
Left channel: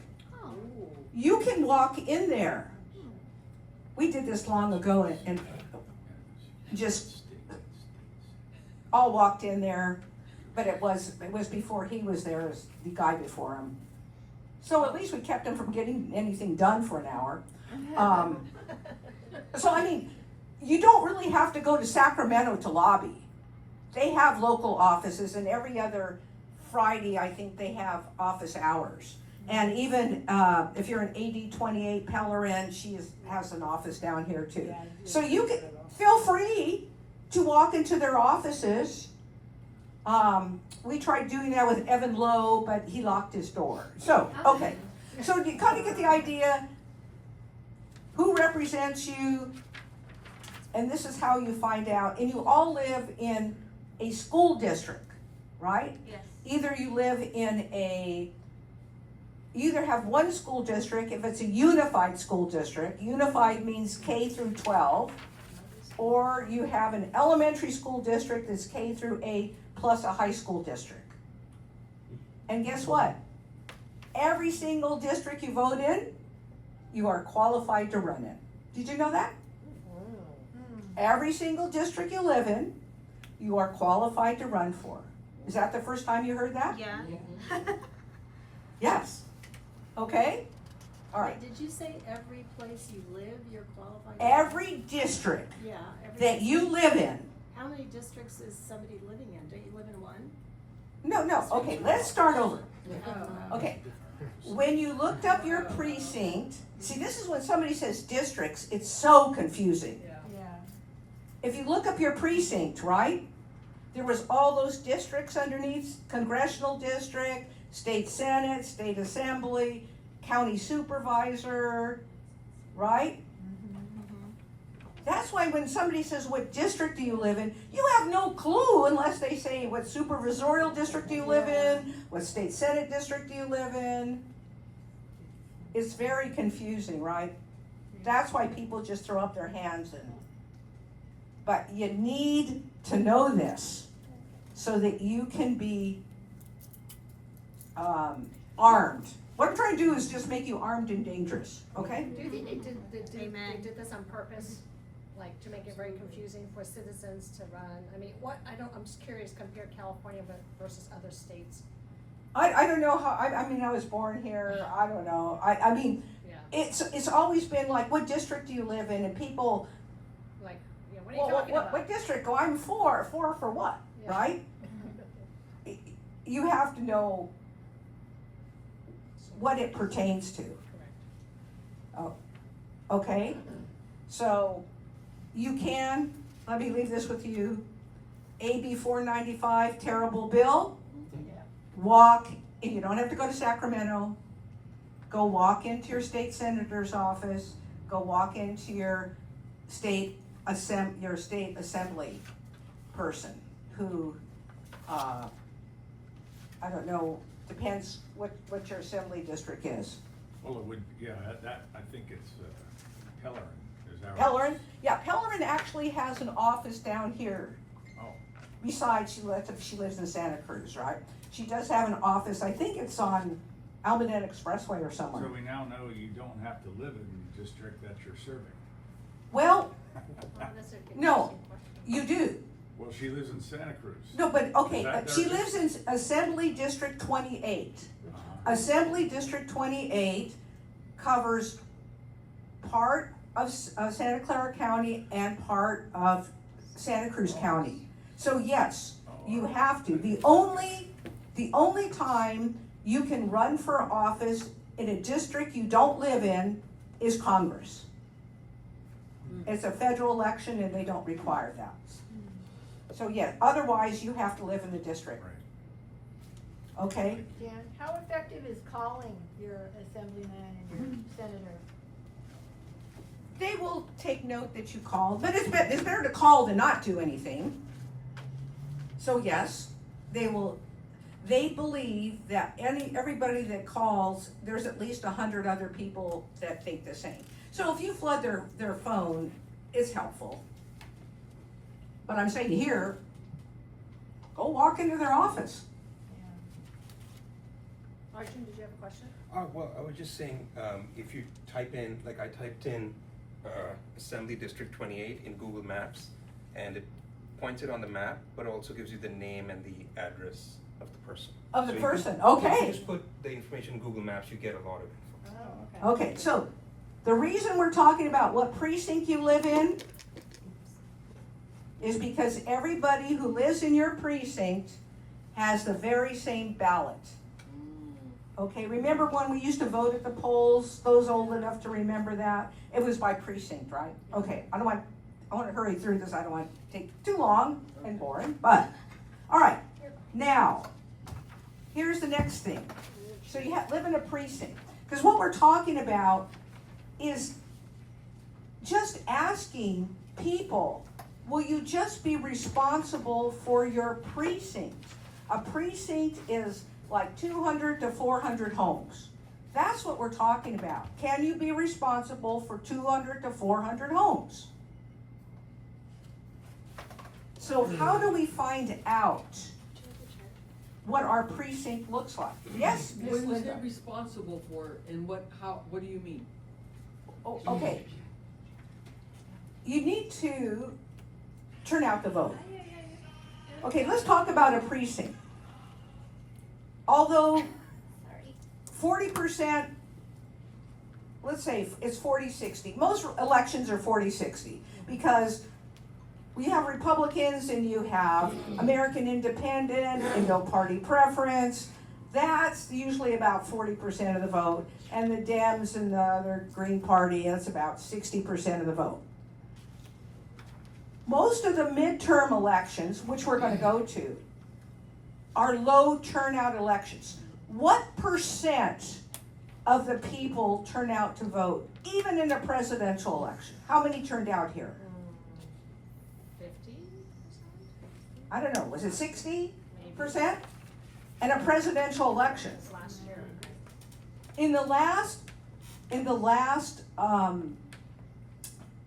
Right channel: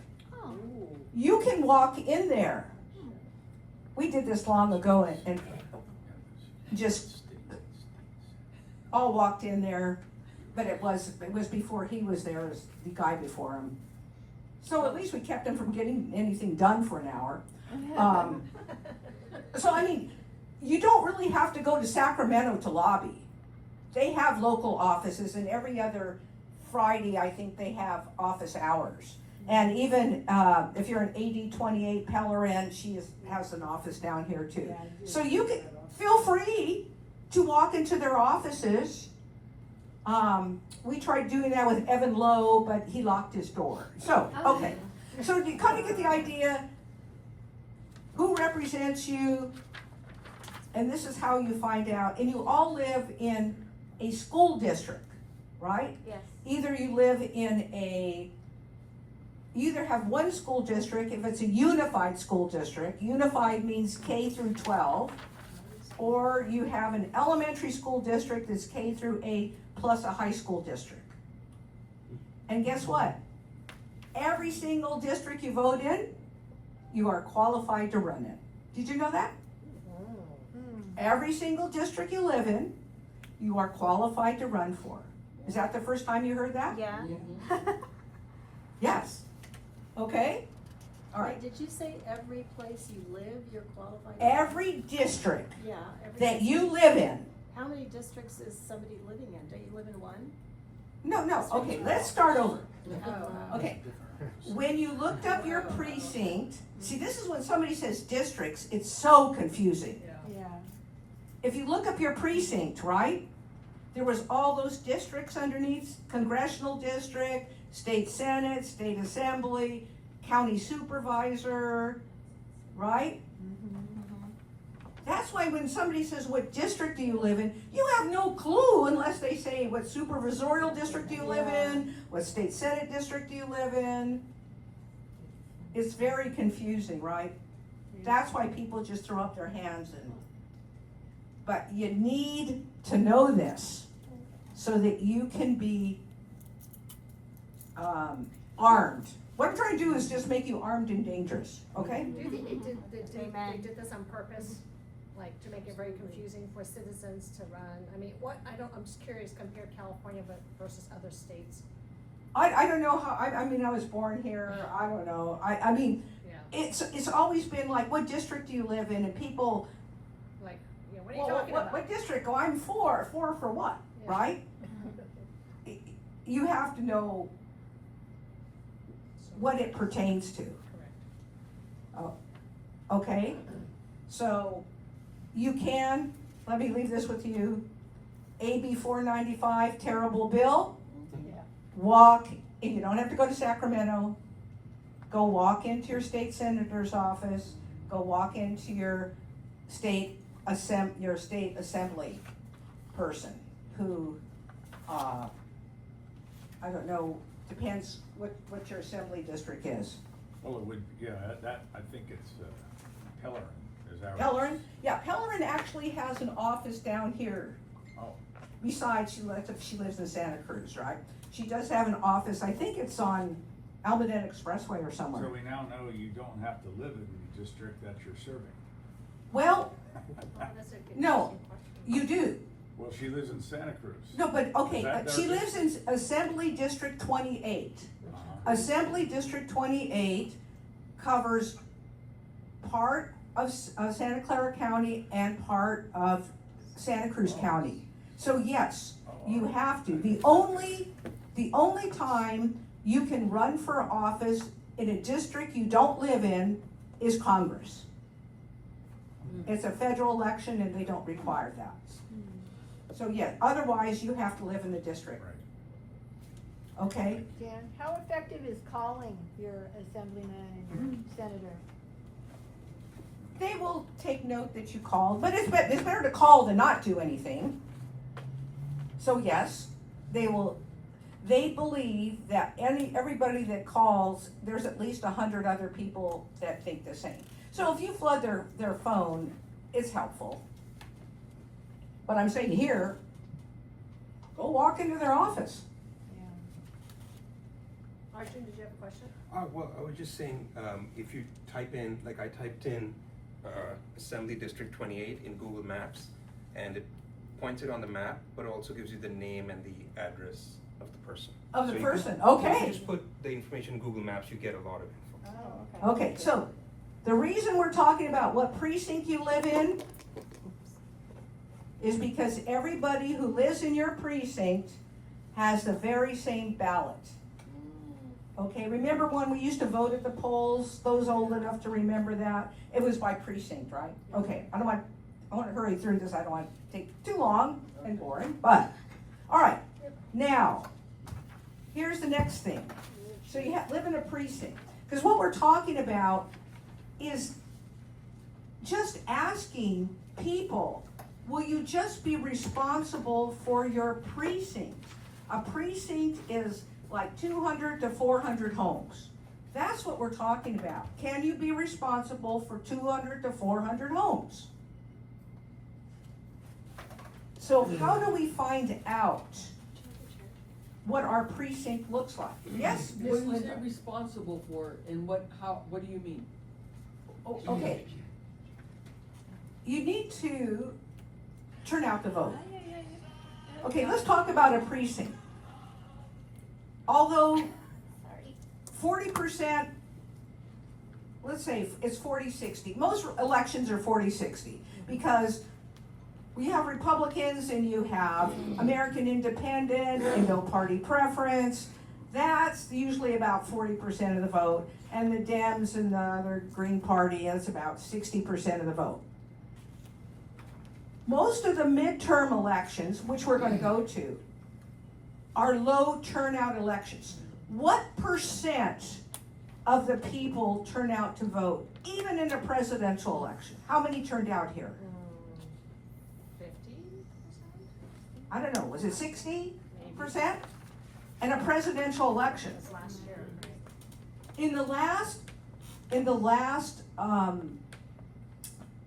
You can walk in there. We did this long ago and just all walked in there, but it was before he was there, as the guy before him. So at least we kept him from getting anything done for an hour. So I mean, you don't really have to go to Sacramento to lobby. They have local offices, and every other Friday, I think they have office hours. And even if you're an AD 28 Pellerin, she has an office down here too. So you can feel free to walk into their offices. We tried doing that with Evan Lowe, but he locked his door. So, okay. So you kind of get the idea who represents you, and this is how you find out. And you all live in a school district, right? Yes. Either you live in you either have one school district, if it's a unified school district. Unified means K through 12. or you have an elementary school district that's K through 8 plus a high school district. And guess what? Every single district you vote in, you are qualified to run in. Did you know that? Every single district you live in, you are qualified to run for. Is that the first time you heard that? Yeah. Yes. Okay? All right. Did you say every place you live, you're qualified? Every district Yeah. that you live in. How many districts is somebody living in? Don't you live in one? No, okay, let's start over. Oh. Okay. When you looked up your precinct, see, this is when somebody says districts, it's so confusing. Yeah. If you look up your precinct, right, there was all those districts underneath, congressional district, state senate, state assembly, county supervisor, right? That's why when somebody says, what district do you live in, you have no clue unless they say, what supervisorial district do you live in? What state senate district do you live in? It's very confusing, right? That's why people just throw up their hands but you need to know this so that you can be armed. What I'm trying to do is just make you armed and dangerous, okay? Do you think they did this on purpose? Like to make it very confusing for citizens to run? I mean, I'm just curious, compare California versus other states. I don't know how, I mean, I was born here, I don't know. I mean, it's always been like, what district do you live in? And people, Like, what are you talking about? what district? Oh, I'm four for what, right? You have to know what it pertains to. Oh, okay, so you can, let me leave this with you, AB 495, terrible bill. Walk, you don't have to go to Sacramento, go walk into your state senator's office, go walk into your state assembly person who, I don't know, depends what your assembly district is. Well, it would, yeah, I think it's Pellerin, is that right? Pellerin, yeah, Pellerin actually has an office down here. Oh. Besides, she lives in Santa Cruz, right? She does have an office, I think it's on Almaden Expressway or somewhere. So we now know you don't have to live in the district that you're serving. Well, no, you do. Well, she lives in Santa Cruz. No, but, okay, Is that she their lives in Assembly District 28. Assembly District 28 covers part of Santa Clara County and part of Santa Cruz County. So yes, you have to. The only time you can run for office in a district you don't live in is Congress. It's a federal election and they don't require that. So yeah, otherwise you have to live in the district. Okay? Dan, how effective is calling your assemblyman and your senator? They will take note that you called, but it's better to call than not do anything. So yes, they will. They believe that everybody that calls, there's at least 100 other people that think the same. So if you flood their phone, it's helpful. But I'm saying here, go walk into their office. Arjun, did you have a question? Well, I was just saying, if you type in, like I typed in Assembly District 28 in Google Maps, and it points it on the map, but also gives you the name and the address of the person. Of the So person, If okay. you just put the information in Google Maps, you get a lot of info. Oh, okay. Okay, so the reason we're talking about what precinct you live in is because everybody who lives in your precinct has the very same ballot. Okay, remember when we used to vote at the polls, those old enough to remember that? It was by precinct, right? Okay, I want to hurry through this, I don't want to take too long and boring, but, all right. Now, here's the next thing. So you live in a precinct, because what we're talking about is just asking people, will you just be responsible for your precinct? A precinct is like 200 to 400 homes. That's what we're talking about. Can you be responsible for 200 to 400 homes? So how do we find out what our precinct looks like? Yes, Miss When you say Linda? responsible for it, and what do you mean? Oh, okay. You need to turn out the vote. Okay, let's talk about a precinct. Although 40%, let's say it's 40-60. Most elections are 40-60 because we have Republicans and you have American Independent and no party preference. That's usually about 40% of the vote. And the Dems and the other Green Party, that's about 60% of the vote. Most of the midterm elections, which we're going to go to, are low turnout elections. What percent of the people turn out to vote, even in a presidential election? How many turned out here? 50%? I don't know, was it 60%? In a presidential election. This last year. In the last,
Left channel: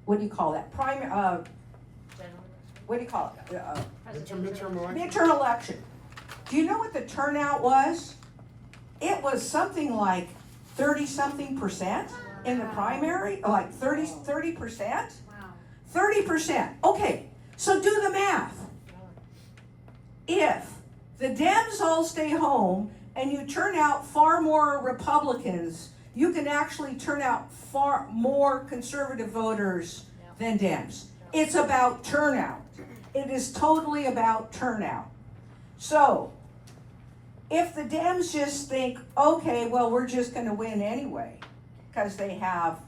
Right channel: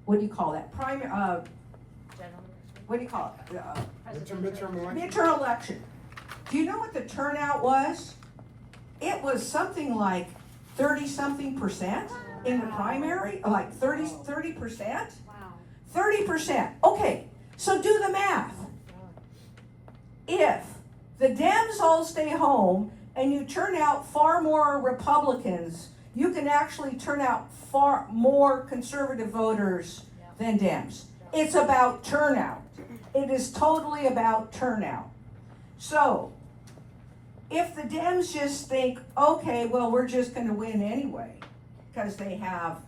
what do you call that? What do you call it? Midterm election? Midterm election. Do you know what the turnout was? It was something like 30-something% in the primary, like 30%? 30%. Okay, so do the math. If the Dems all stay home and you turn out far more Republicans, you can actually turn out far more conservative voters than Dems. It's about turnout. It is totally about turnout. So, if the Dems just think, okay, well, we're just going to win anyway, because they have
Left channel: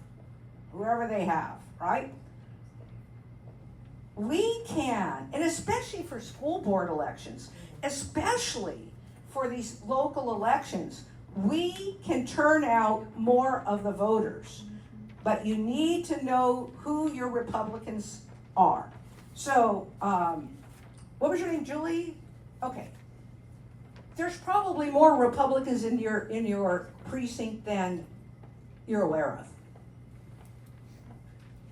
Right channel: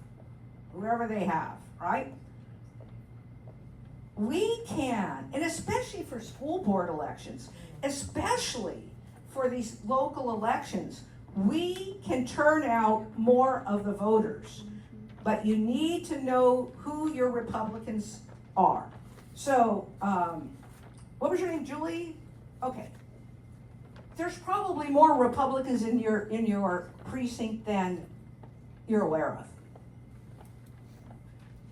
whoever they have, right? We can, and especially for school board elections, especially for these local elections, we can turn out more of the voters. But you need to know who your Republicans are. So, what was your name, Julie? Okay. There's probably more Republicans in your precinct than you're aware of.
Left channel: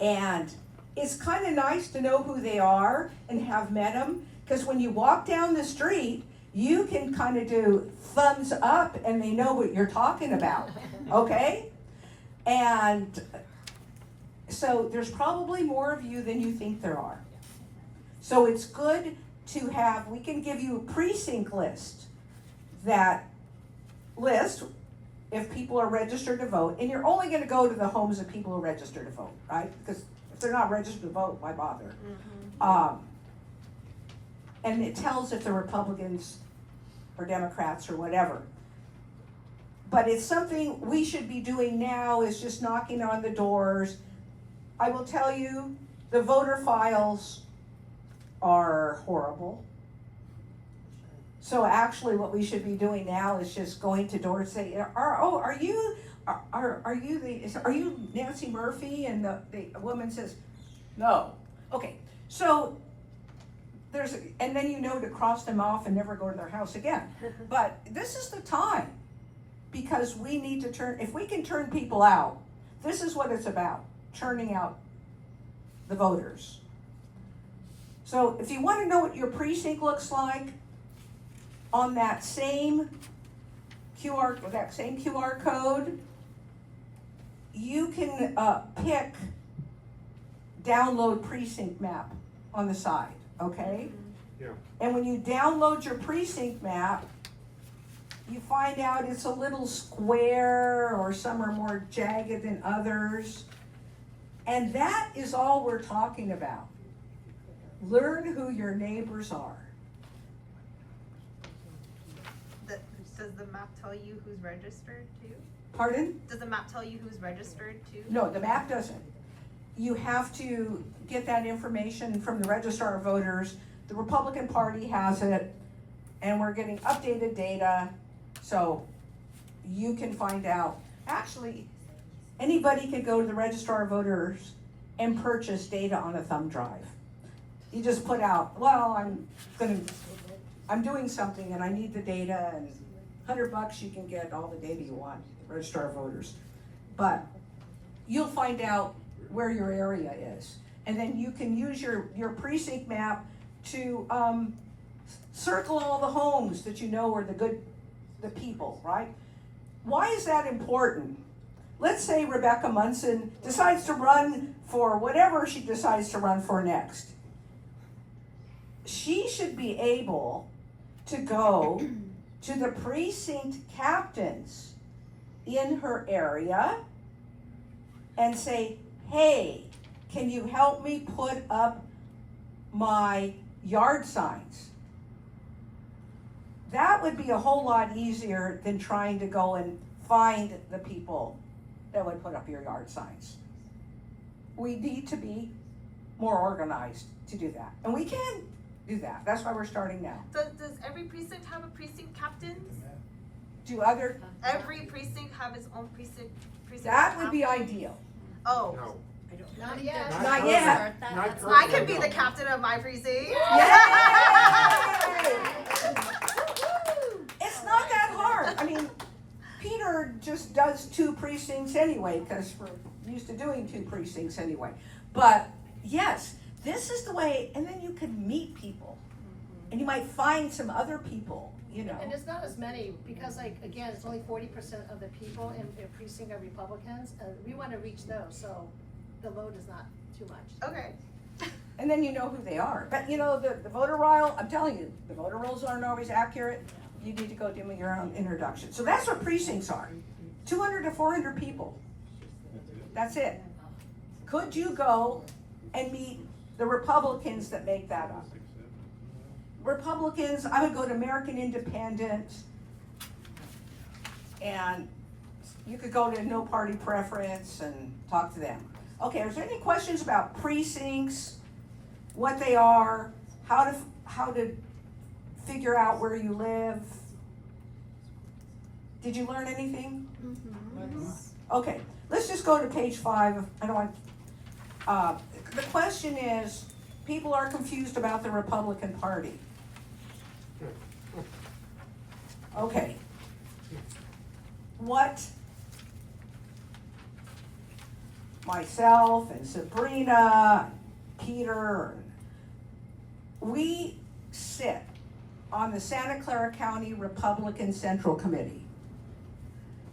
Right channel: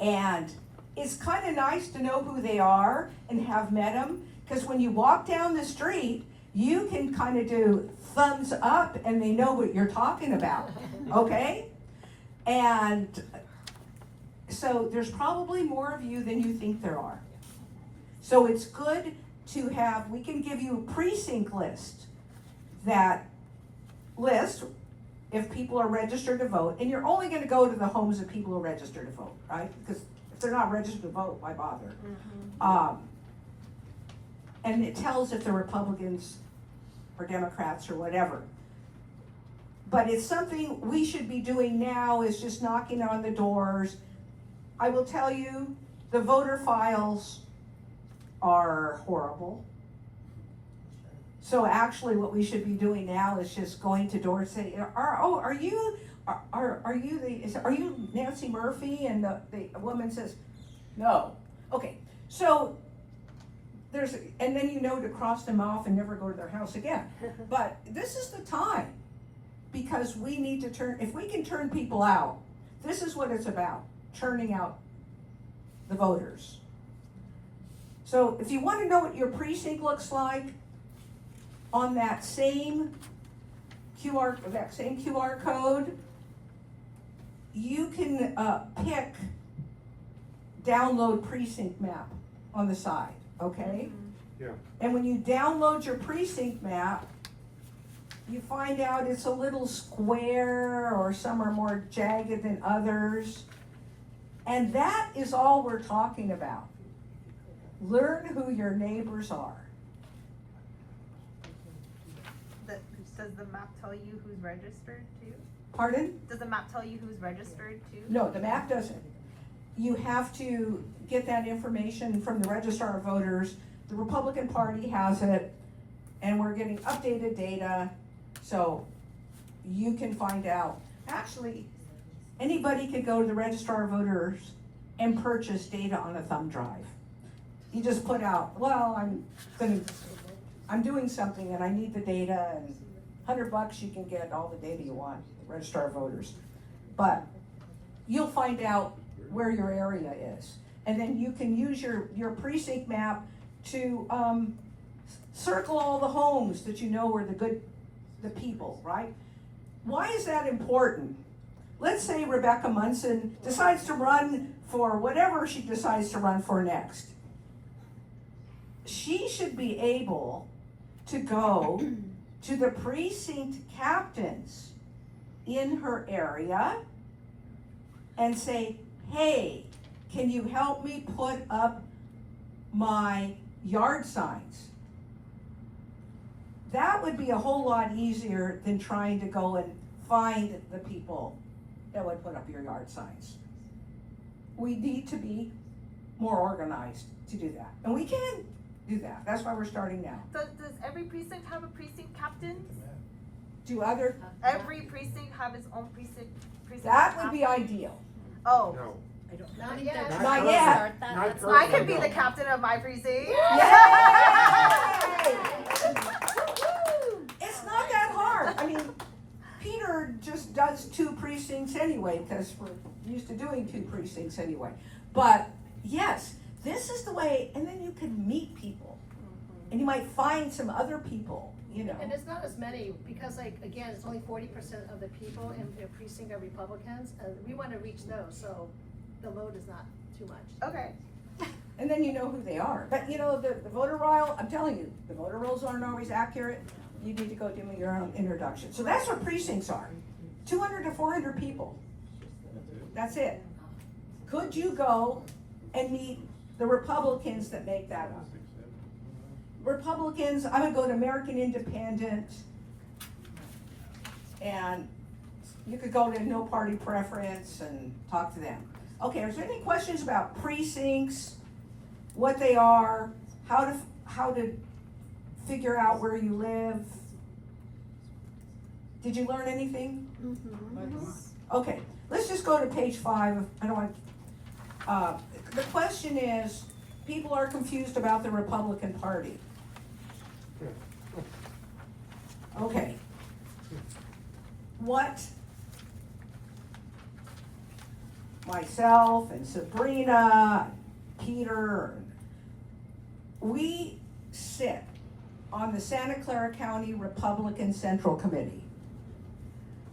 And it's kind of nice to know who they are and have met them, because when you walk down the street, you can kind of do thumbs up and they know what you're talking about, okay? And so there's probably more of you than you think there are. So it's good to have, we can give you a precinct list that list if people are registered to vote, and you're only going to go to the homes of people who are registered to vote, right? Because if they're not registered to vote, why bother? And it tells if they're Republicans or Democrats or whatever. But it's something we should be doing now, is just knocking on the doors. I will tell you, the voter files are horrible. So actually what we should be doing now is just going to doors and say, are you Nancy Murphy? And the woman says, no. Okay, so and then you know to cross them off and never go to their house again. But this is the time, because we need to turn, if we can turn people out, this is what it's about, turning out the voters. So if you want to know what your precinct looks like, on that same QR code, you can pick download precinct map on the side, okay? Yeah. And when you download your precinct map, you find out it's a little square, or some are more jagged than others. And that is all we're talking about. Learn who your neighbors are. Does the map tell you who's registered too? Pardon? Does the map tell you who's registered too? No, the map doesn't. You have to get that information from the Registrar of Voters. The Republican Party has it, and we're getting updated data, so you can find out. Actually, anybody could go to the Registrar of Voters and purchase data on a thumb drive. You just put out, well, I'm doing something and I need the data, and $100 you can get all the data you want, the Registrar of Voters. But you'll find out where your area is. And then you can use your precinct map to circle all the homes that you know are the people, right? Why is that important? Let's say Rebecca Munson decides to run for whatever she decides to run for next. She should be able to go to the precinct captains in her area and say, hey, can you help me put up my yard signs? That would be a whole lot easier than trying to go and find the people that would put up your yard signs. We need to be more organized to do that. And we can do that. That's why we're starting now. Does every precinct have a precinct captain? Do other, Every precinct have its own precinct that would be captain? ideal. Oh. No. Not yet. Not yet. I could be the captain of my precinct. It's not that hard. I mean, Peter just does 2 precincts anyway, because we're used to doing 2 precincts anyway. But yes, this is the way, and then you can meet people. And you might find some other people, you know. And it's not as many, because like, again, it's only 40% of the people in a precinct are Republicans, and we wanna reach those, so the load is not too much. Okay. And then you know who they are. But you know, the voter roll, I'm telling you, the voter rolls aren't always accurate. You need to go do your own introduction. So that's what precincts are. 200 to 400 people. That's it. Could you go and meet the Republicans that make that up? Republicans, I would go to American Independent, and you could go to No Party Preference and talk to them. Okay, is there any questions about precincts, what they are, how to figure out where you live? Did you learn anything? Okay, let's just go to page 5. I don't want, the question is, people are confused about the Republican Party. Okay. What myself and Sabrina, Peter, we sit on the Santa Clara County Republican Central Committee.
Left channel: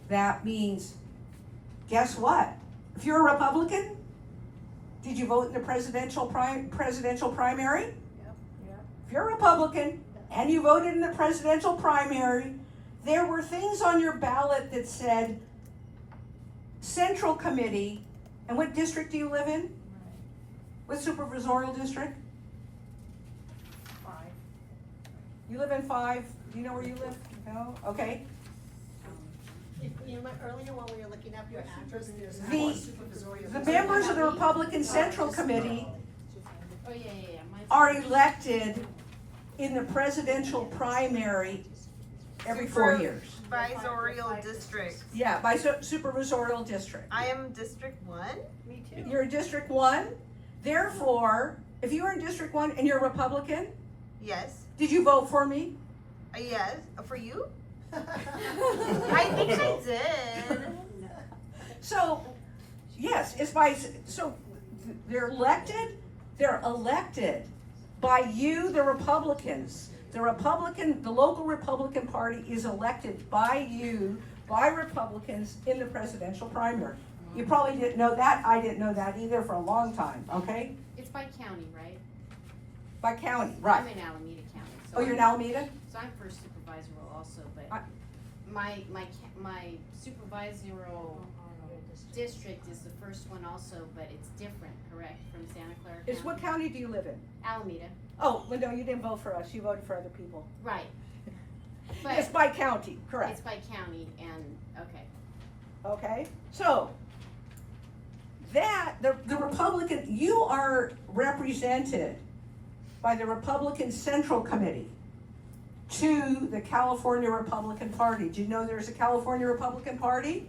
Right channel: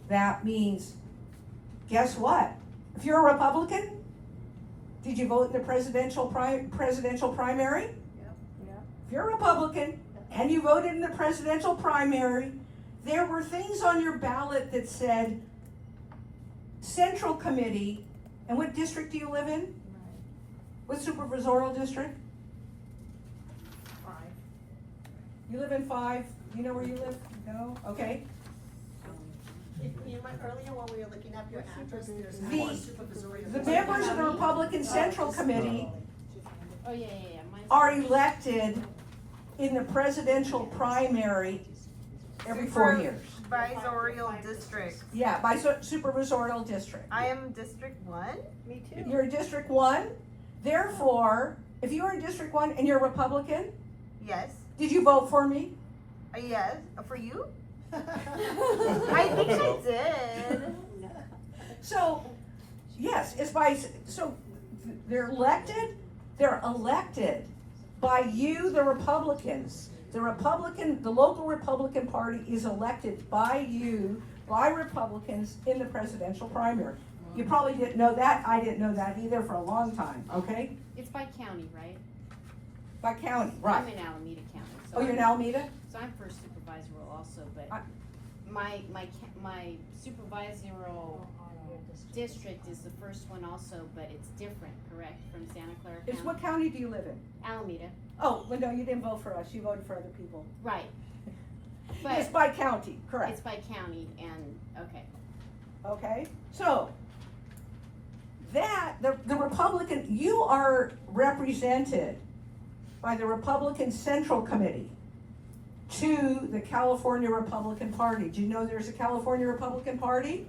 That means, guess what? If you're a Republican, did you vote in the presidential primary? Yep. If you're a Republican and you voted in the presidential primary, there were things on your ballot that said Central Committee. And what district do you live in? What supervisorial district? 5. You live in 5? Do you know where you live? No? Okay. You know, earlier when we were looking up your address, there's The members of the Republican Central Committee Oh, yeah. Mine's are elected in the presidential primary every 4 years. Supervisorial district. Yeah, by supervisorial district. I am District 1. Me too. You're in District 1. Therefore, if you were in District 1 and you're a Republican, Yes. did you vote for me? Yes. For you? I think I did. So, yes, it's so they're elected by you, the Republicans. The local Republican Party is elected by you, by Republicans in the presidential primary. You probably didn't know that. I didn't know that either for a long time, okay? It's by county, right? By county, right. I'm in Alameda County. So Oh, you're in Alameda? So I'm first supervisorial also, but my supervisorial district is the first one also, but it's different, correct, from Santa Clara County? What county do you live in? Alameda. Oh, well, no, you didn't vote for us. You voted for other people. Right. It's by county, correct. It's by county and, okay. Okay, so that, the Republican, you are represented by the Republican Central Committee to the California Republican Party. Do you know there's a California Republican Party?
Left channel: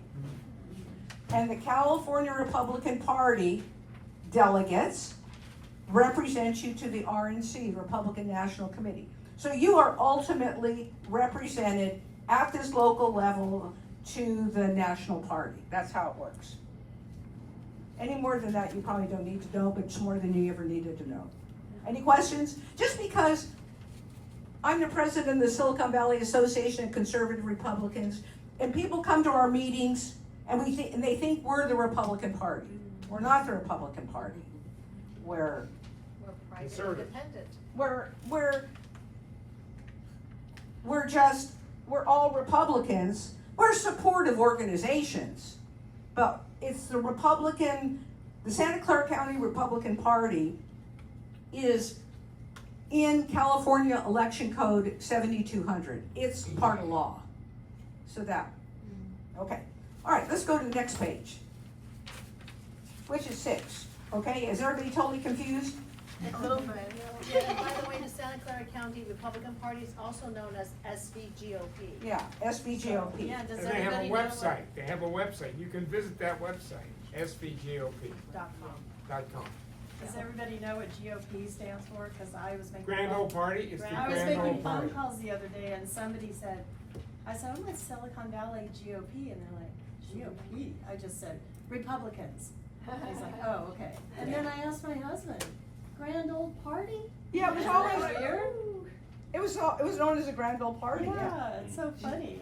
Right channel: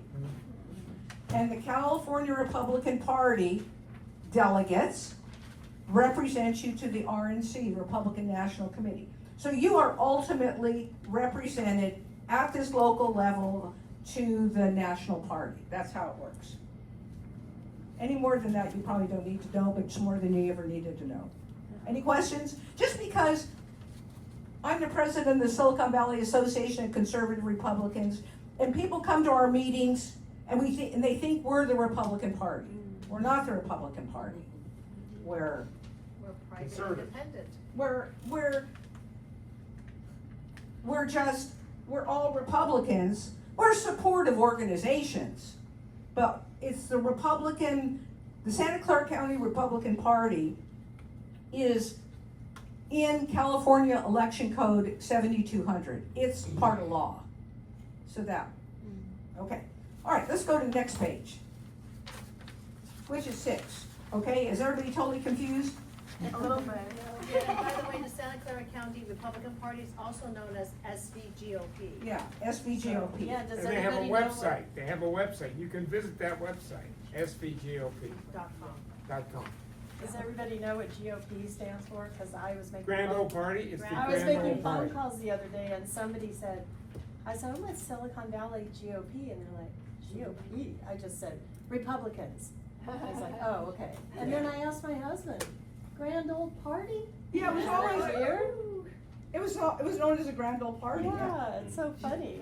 And the California Republican Party delegates represent you to the RNC, Republican National Committee. So you are ultimately represented at this local level to the national party. That's how it works. Any more than that, you probably don't need to know, but it's more than you ever needed to know. Any questions? Just because I'm the president of the Silicon Valley Association of Conservative Republicans, and people come to our meetings and they think we're the Republican Party. We're not the Republican Party. We're private conservative. independent. We're all Republicans. We're supportive organizations, but it's the Santa Clara County Republican Party is in California Election Code 7200. It's part of law. So that, okay. All right, let's go to the next page, which is 6. Okay, is everybody totally confused? A little bit. Yeah, and by the way, the Santa Clara County Republican Party is also known as SVGOP. Yeah, SVGOP. Yeah, does And they have a everybody know website, they have a website, you can visit that website, svgop.com. Does everybody know what GOP stands for? Cause I was making. Grand Old Party, it's the I was Grand making Old Party. phone calls the other day and somebody said, I said, I'm with Silicon Valley GOP, and they're like, GOP? I just said, Republicans. He's like, oh, okay. And then I asked my husband, Grand Old Party? Yeah, it was Isn't always that weird? It was known as a Grand Old Party. Yeah, it's so funny.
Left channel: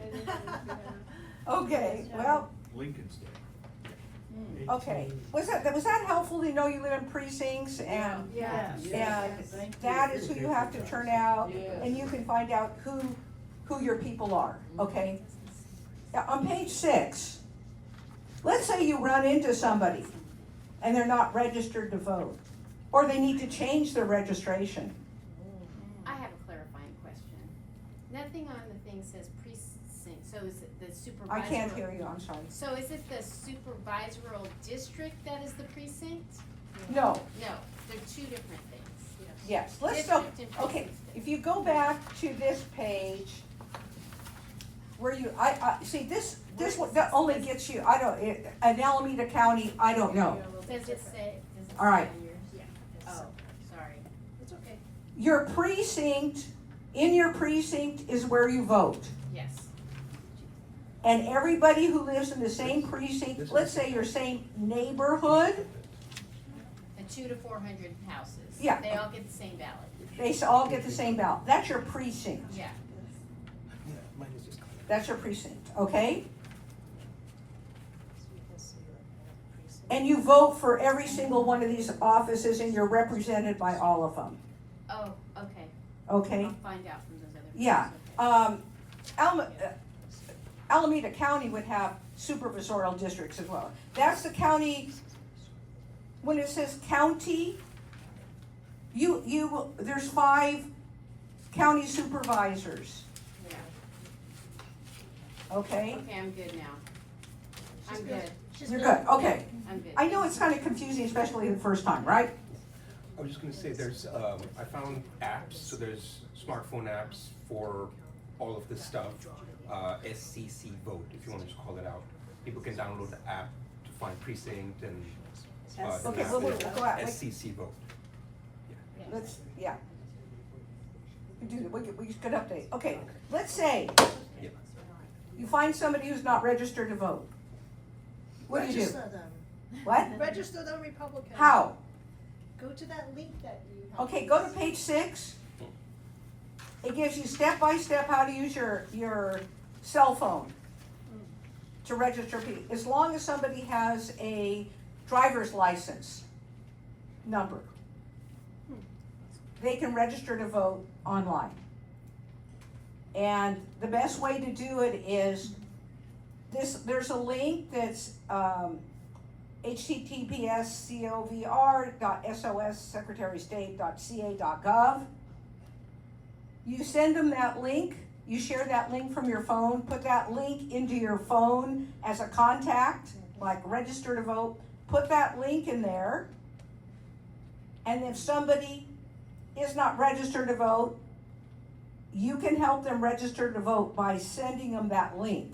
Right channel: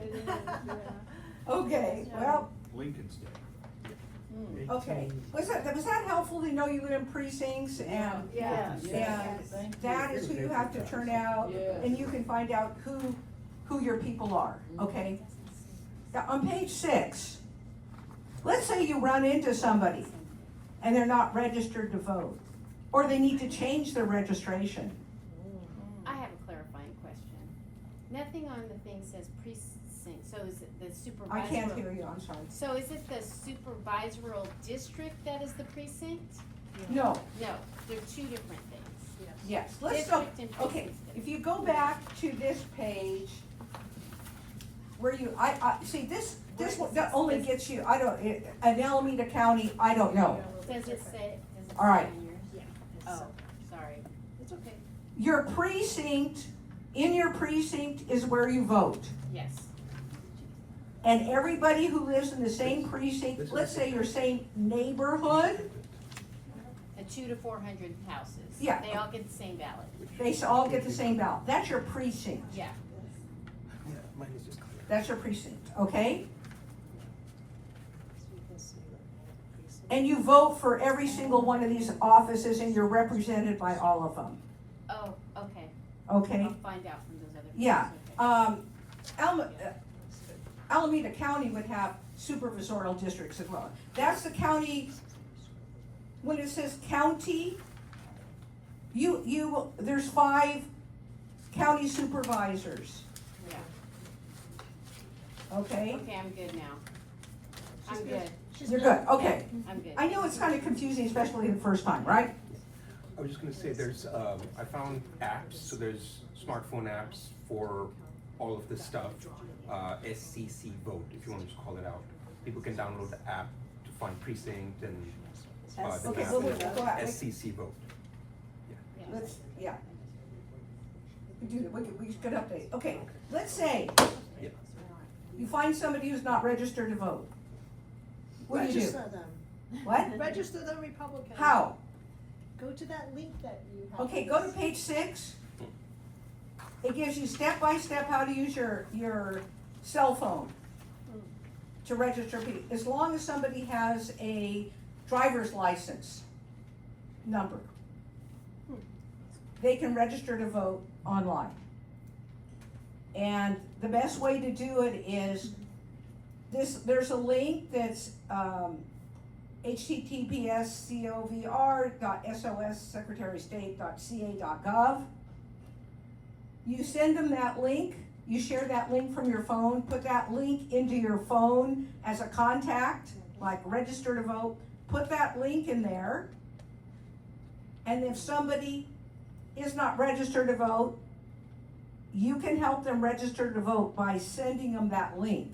Okay, well, Lincoln's Day. okay. Was that helpful to know you live in precincts and and that is who you have to turn out and you can find out who your people are, okay? Now, on page 6, let's say you run into somebody and they're not registered to vote, or they need to change their registration. I have a clarifying question. Nothing on the thing says precinct, so is it the supervisor? I can't hear you, I'm sorry. So is it the supervisoral district that is the precinct? No. No, they're two different things. Yes, let's go, District and okay, precinct. if you go back to this page, where you, see, this one, that only gets you, in Alameda County, I don't know. Does it say? All right. Oh, sorry. It's okay. Your precinct, in your precinct is where you vote. Yes. And everybody who lives in the same precinct, let's say your same neighborhood, The 200 to 400 houses. Yeah. They all get the same ballot. they all get the same ballot. That's your precinct. Yeah. That's your precinct, okay? And you vote for every single one of these offices and you're represented by all of them, Oh, okay. okay? I'll find out from those other. Yeah, Alameda County would have supervisorial districts as well. That's the county, when it says county, there's 5 county supervisors, Yeah. okay? Okay, I'm good now. I'm good. You're good, okay. I'm good. I know it's kind of confusing, especially the first time, right? I was just gonna say, there's, I found apps, so there's smartphone apps for all of this stuff. SCC Vote, if you want to just call it out. People can download the app to find precinct and, the Okay, map we'll is go out. SCC Vote. Let's, yeah. We should update. Okay, let's say Yeah. you find somebody who's not registered to vote. What do you do? Register them. What? Register them Republican. How? Go to that link that you have. Okay, go to page 6. It gives you step by step how to use your cell phone to register people. As long as somebody has a driver's license number, they can register to vote online. And the best way to do it is there's a link that's https://covr.sossecretarystate.ca.gov. You send them that link, you share that link from your phone, put that link into your phone as a contact, like register to vote, put that link in there. And if somebody is not registered to vote, you can help them register to vote by sending them that link.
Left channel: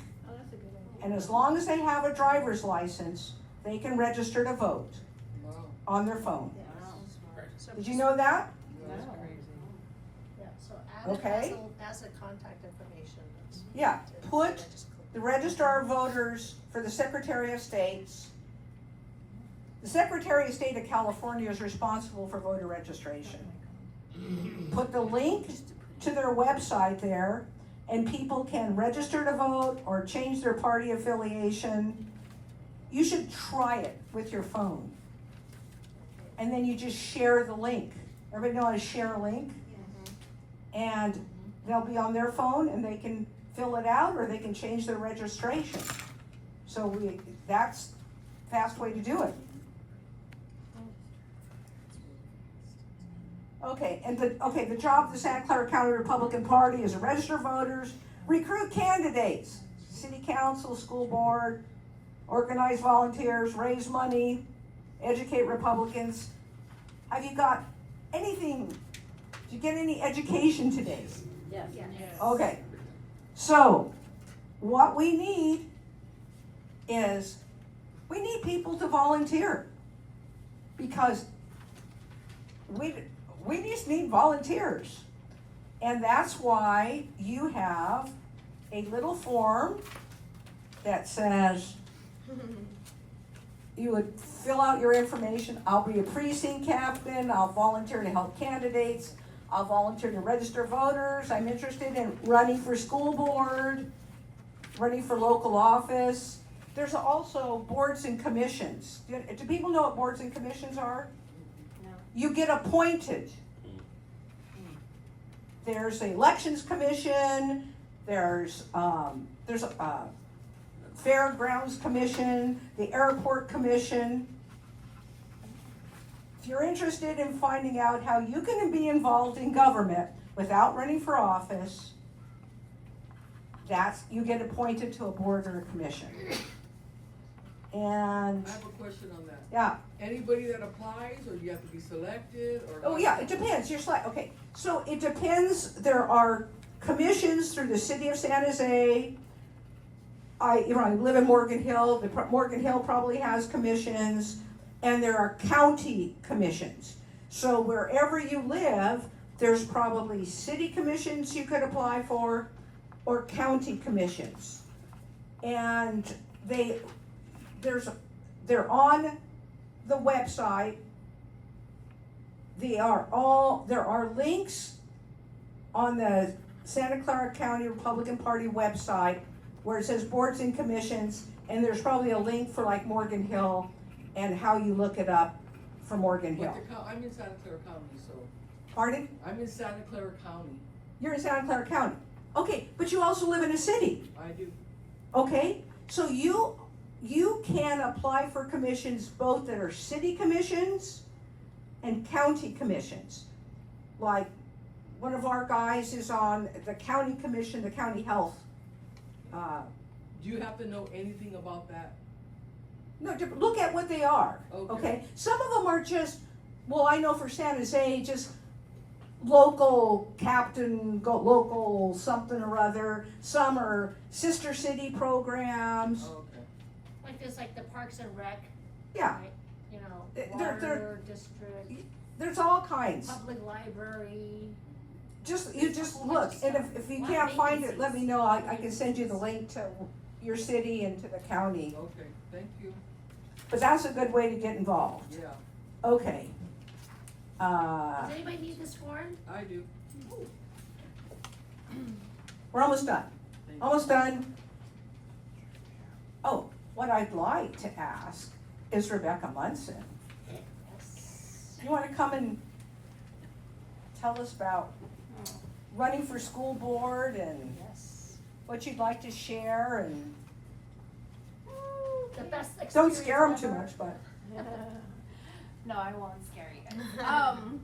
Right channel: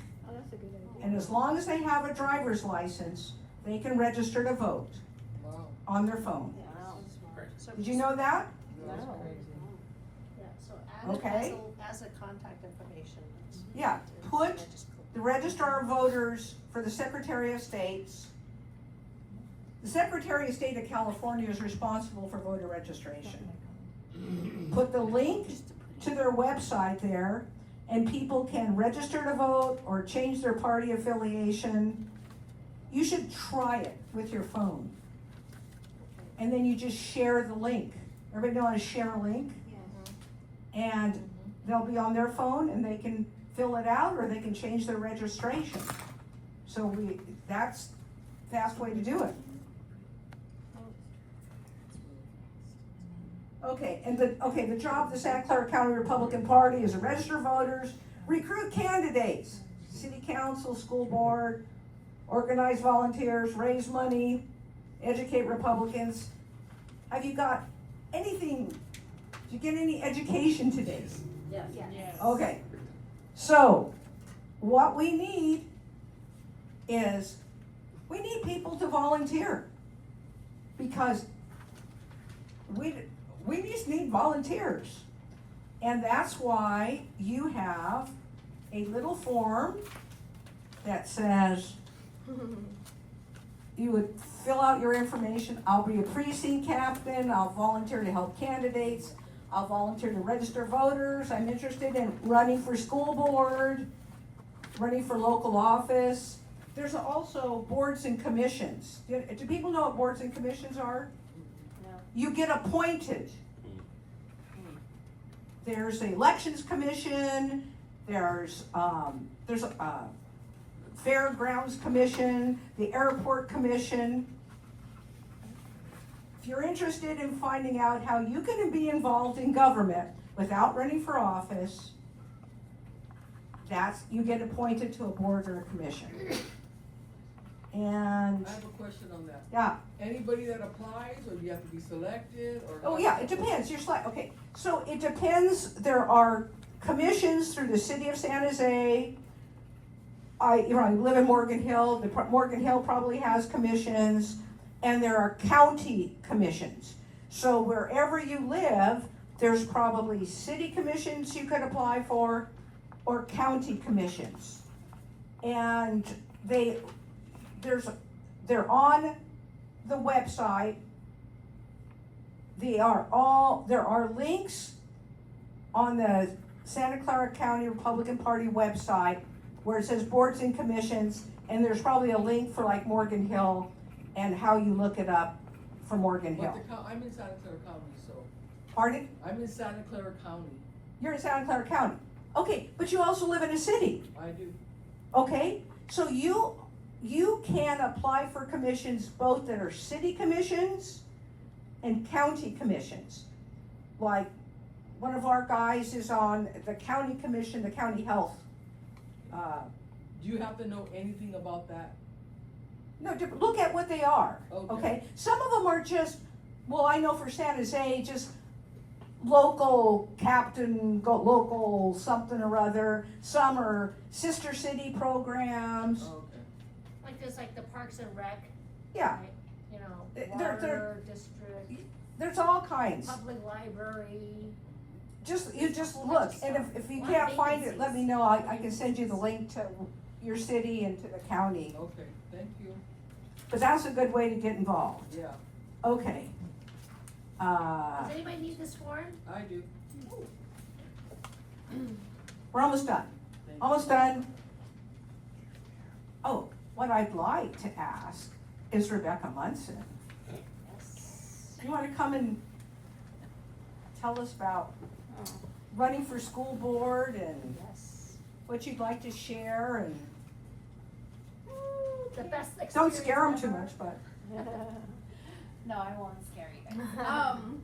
And as long as they have a driver's license, they can register to vote on their phone. Did you know that? Yeah, so add Okay. it as a contact information. Yeah, put the Registrar of Voters for the Secretary of State's. The Secretary of State of California is responsible for voter registration. put the link to their website there, and people can register to vote or change their party affiliation. You should try it with your phone. And then you just share the link. Everybody know how to share a link? And they'll be on their phone and they can fill it out or they can change their registration. So that's a fast way to do it. Okay, and the job of the Santa Clara County Republican Party is to register voters, recruit candidates, city council, school board, organize volunteers, raise money, educate Republicans. Have you got anything? Did you get any education today? Yes. Okay. So, what we need is we need people to volunteer because we just need volunteers. And that's why you have a little form that says you would fill out your information. I'll be a precinct captain. I'll volunteer to help candidates. I'll volunteer to register voters. I'm interested in running for school board, running for local office. There's also boards and commissions. Do people know what boards and commissions are? No. You get appointed. There's the elections commission. There's a fairgrounds commission, the airport commission. If you're interested in finding out how you can be involved in government without running for office, you get appointed to a board or a commission. And I have a question on that. yeah. Anybody that applies, or you have to be selected, or? Oh yeah, it depends. Okay, so it depends. There are commissions through the city of San Jose. I live in Morgan Hill. Morgan Hill probably has commissions, and there are county commissions. So wherever you live, there's probably city commissions you could apply for, or county commissions, and they're on the website. There are links on the Santa Clara County Republican Party website where it says boards and commissions, and there's probably a link for like Morgan Hill and how you look it up for Morgan Hill. I'm in Santa Clara County, so. Pardon? I'm in Santa Clara County. You're in Santa Clara County. Okay, but you also live in a city. I do. Okay, so you can apply for commissions both that are city commissions and county commissions. Like one of our guys is on the county commission, the county health. Do you happen to know anything about that? No, look at what they are. Okay. Some of them are just, well, I know for San Jose, just local captain, local something or other. Some are sister city programs. Okay. Like there's like the Parks and Rec. Yeah. Right? You know, They're- water district, There's all kinds. public library. You just look, and if you can't find it, let me know. I can send you the link to your city and to the county. Okay, thank you. But that's a good way to get involved. Yeah, Okay. Does anybody need this form? I do. We're almost done. Almost done. Oh, what I'd like to ask is Rebecca Munson. You want to come and tell us about running for school board and what you'd like to share and The best experience don't scare them too ever. much, but. No, I won't scare you.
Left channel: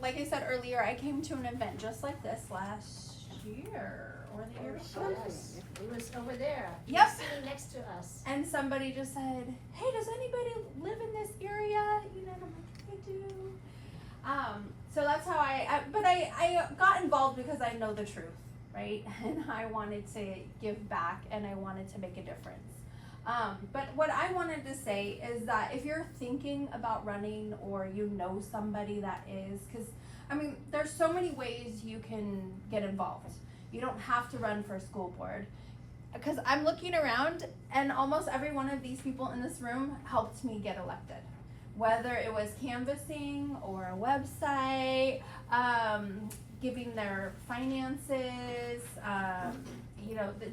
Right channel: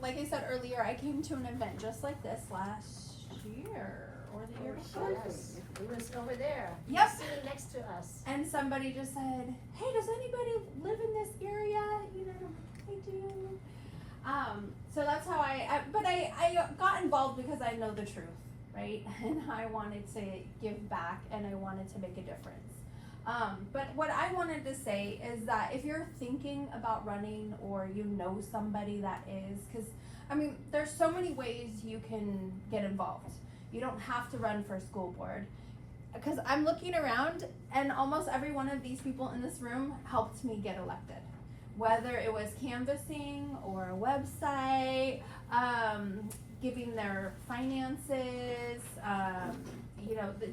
Like I said earlier, I came to an event just like this last year or the year before. Yes, it was over there. Yep. Sitting next to us. And somebody just said, "Hey, does anybody live in this area?" You know, I'm like, "I do." So that's how but I got involved because I know the truth, right? And I wanted to give back and I wanted to make a difference. But what I wanted to say is that if you're thinking about running or you know somebody that is, because I mean, there's so many ways you can get involved. You don't have to run for school board. Because I'm looking around and almost every one of these people in this room helped me get elected. whether it was canvassing or a website, giving their finances,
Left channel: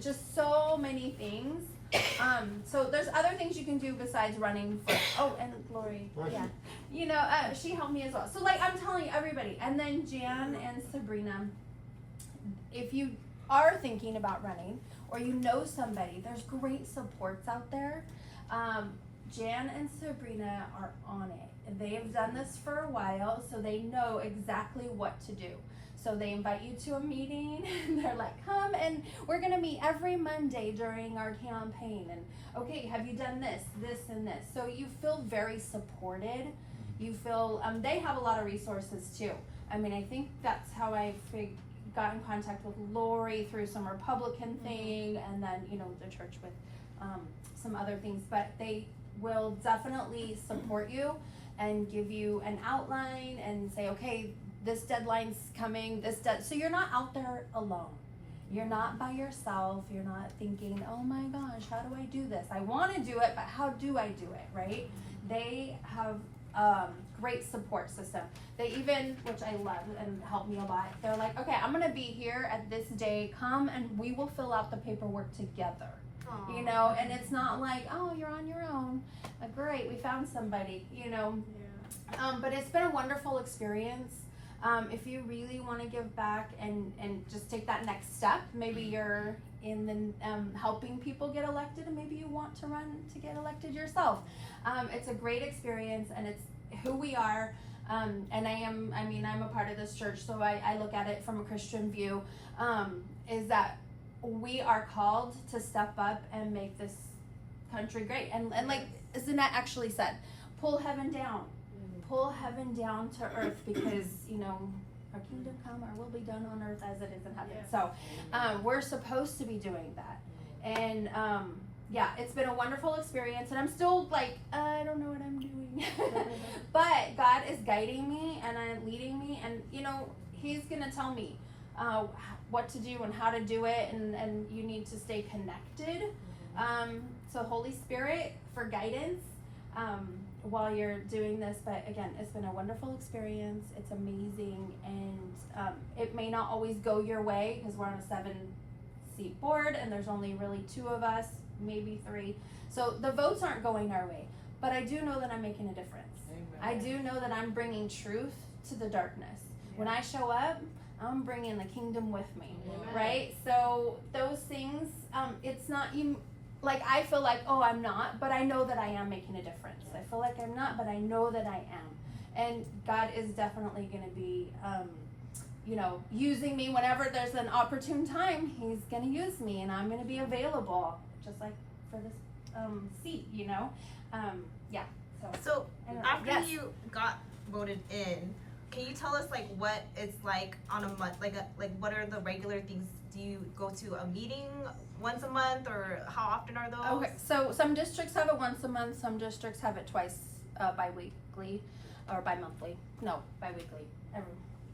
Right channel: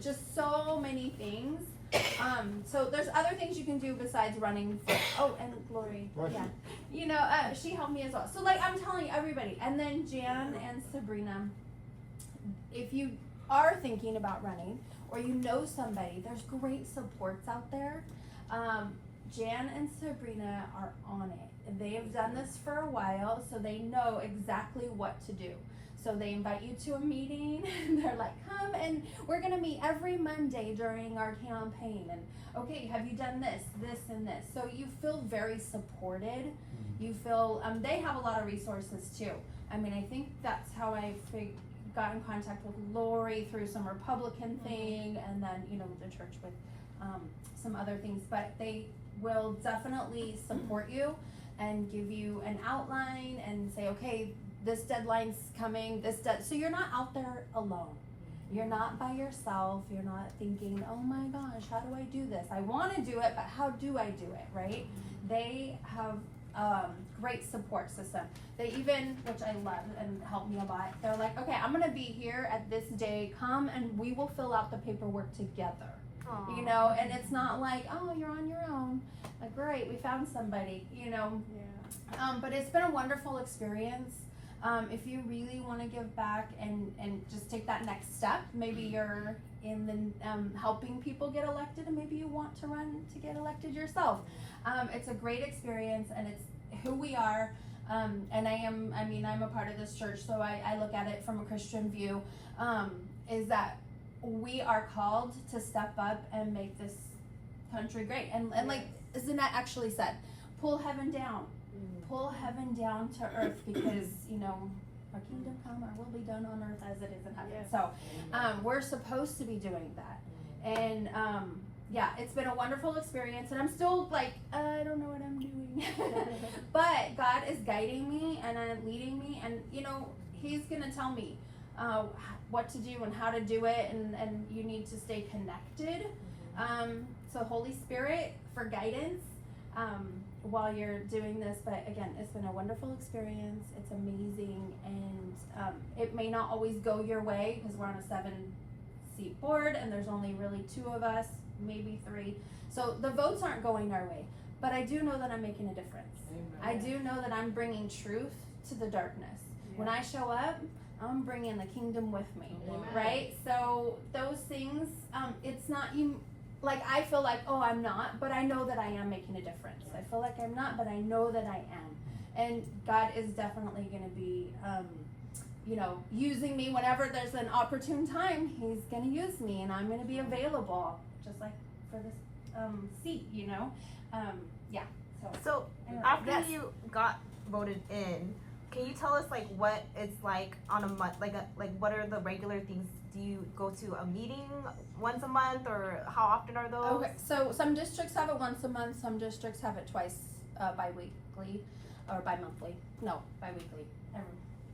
just so many things. So there's other things you can do besides running for, and Lori, yeah, she helped me as well. So like I'm telling everybody, and then Jan and Sabrina, if you are thinking about running or you know somebody, there's great supports out there. Jan and Sabrina are on it. They have done this for a while, so they know exactly what to do. So they invite you to a meeting, and they're like, come, and we're gonna meet every Monday during our campaign, and okay, have you done this, this, and this? So you feel very supported. You feel, they have a lot of resources too. I mean, I think that's how I got in contact with Lori through some Republican thing, and then, the church with some other things, but they will definitely support you and give you an outline and say, okay, this deadline's coming, so you're not out there alone. You're not by yourself. You're not thinking, oh my gosh, how do I do this? I want to do it, but how do I do it, right? They have great support system. They even, which I love and helped me a lot, they're like, okay, I'm gonna be here at this day, come and we will fill out the paperwork together. Aww. And it's not like, oh, you're on your own. Great, we found somebody, but it's been a wonderful experience. If you really want to give back and just take that next step, maybe you're in the helping people get elected, and maybe you want to run to get elected yourself. It's a great experience, and it's who we are. And I'm a part of this church, so I look at it from a Christian view, is that we are called to step up and make this country great. And like Zanette actually said, pull heaven down. Pull heaven down to earth, because our kingdom come, our will be done on earth as it is in heaven. So we're supposed to be doing that. And it's been a wonderful experience, and I'm still like, I don't know what I'm doing. But God is guiding me and leading me, and He's gonna tell me what to do and how to do it, and you need to stay connected. So Holy Spirit for guidance while you're doing this. But again, it's been a wonderful experience. It's amazing, and it may not always go your way because we're on a 7-seat board and there's only really 2 of us, maybe 3. So the votes aren't going our way, but I do know that I'm making a difference. Amen. I do know that I'm bringing truth to the darkness. Yeah. When I show up, I'm bringing the kingdom with me. Amen. Right? So those things, it's not you. Like, I feel like, oh, I'm not, but I know that I am making a difference. I feel like I'm not, but I know that I am. And God is definitely going to be, using me whenever there's an opportune time. He's going to use me, and I'm going to be available, just like for this seat, So after you got voted in, can you tell us like what it's like on a month, like what are the regular things? Do you go to a meeting once a month, or how often are those? Okay, so some districts have it once a month, some districts have it twice, bi-weekly or bi-monthly. No, bi-weekly.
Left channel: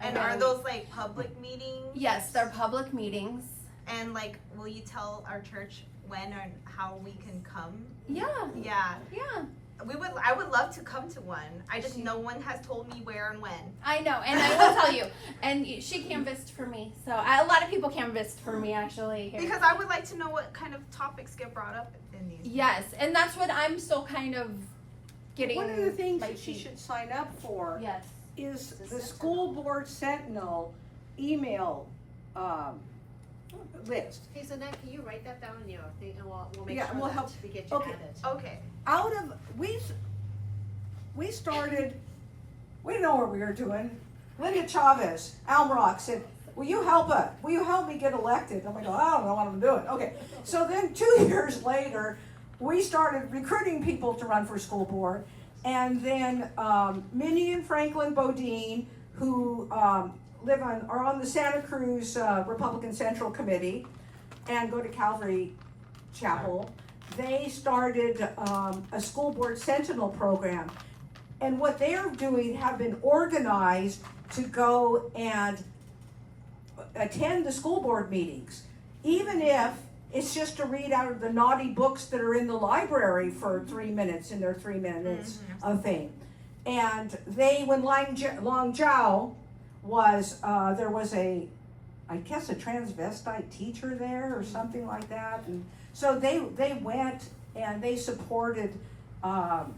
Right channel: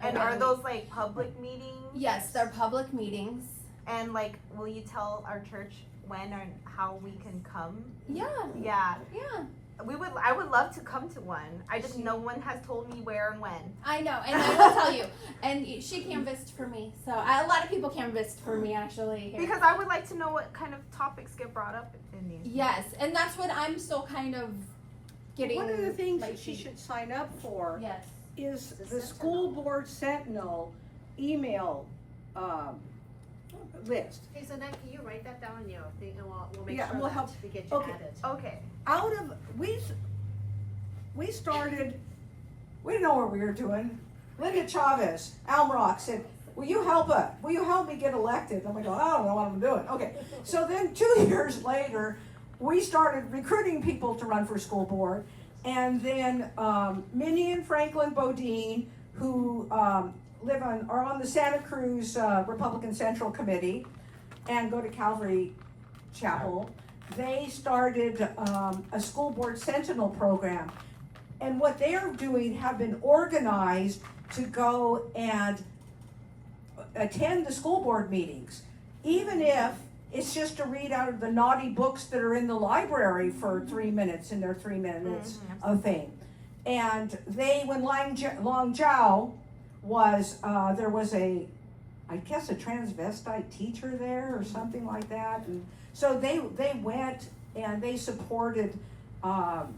And are those like public meetings? Yes, they're public meetings. And like, will you tell our church when or how we can come? Yeah. Yeah. Yeah. I would love to come to one. I just no one has told me where and when. I know, and I will tell you. And she canvassed for me, so a lot of people canvassed for me actually. Here. Because I would like to know what kind of topics get brought up in these. Yes, and that's what I'm still kind of getting. One of the things that she should sign up for is the School Board Sentinel email list. Okay, so then can you write that down in your thing, and we'll make Yeah, sure we'll that help. we get you added. Okay. We started, we didn't know what we were doing. Lydia Chavez, Alm Rock said, will you help me get elected? And we go, I don't know what I'm doing. Okay, so then 2 years later, we started recruiting people to run for school board. And then Minnie and Franklin Bodine, who are on the Santa Cruz Republican Central Committee and go to Calvary Chapel, they started a school board sentinel program. And what they're doing have been organized to go and attend the school board meetings, even if it's just to read out of the naughty books that are in the library for 3 minutes in their 3 minutes of fame. And when Long Jiao was, there was I guess a transvestite teacher there or something like that. And so they went and they supported Lang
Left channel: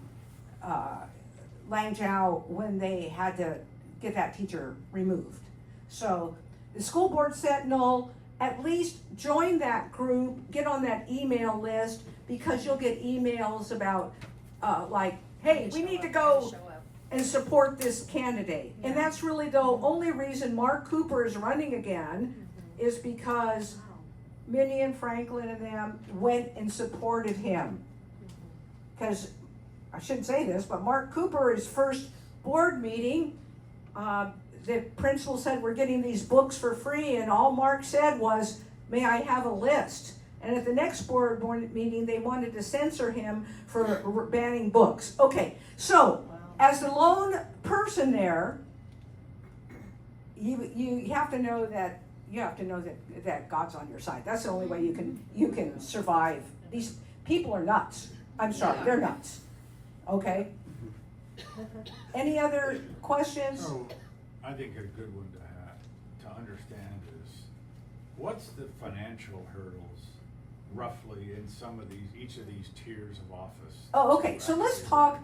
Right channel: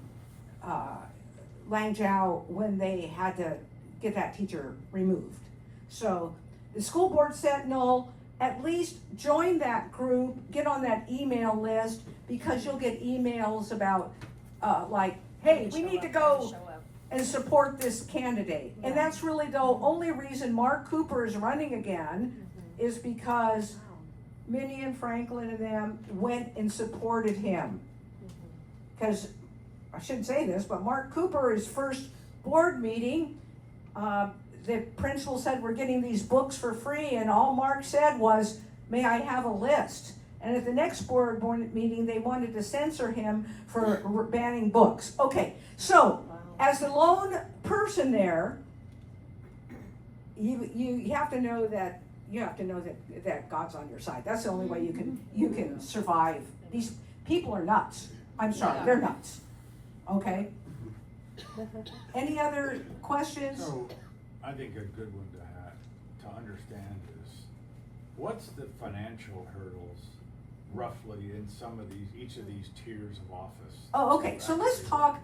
Jiao when they had to get that teacher removed. So the School Board Sentinel, at least join that group, get on that email list, because you'll get emails about like, hey, we need to go and support this candidate. And that's really the only reason Mark Cooper is running again, is because Minnie and Franklin and them went and supported him. Because, I shouldn't say this, but Mark Cooper, his first board meeting, the principal said, we're getting these books for free, and all Mark said was, may I have a list? And at the next board meeting, they wanted to censor him for banning books. Okay, so as the lone person there, you have to know that that God's on your side. That's the only way you can survive. These people are nuts. I'm sorry, they're nuts. Okay. Any other questions? So, I think a good one to understand is, what's the financial hurdles roughly in each of these tiers of office? Oh, okay, so let's talk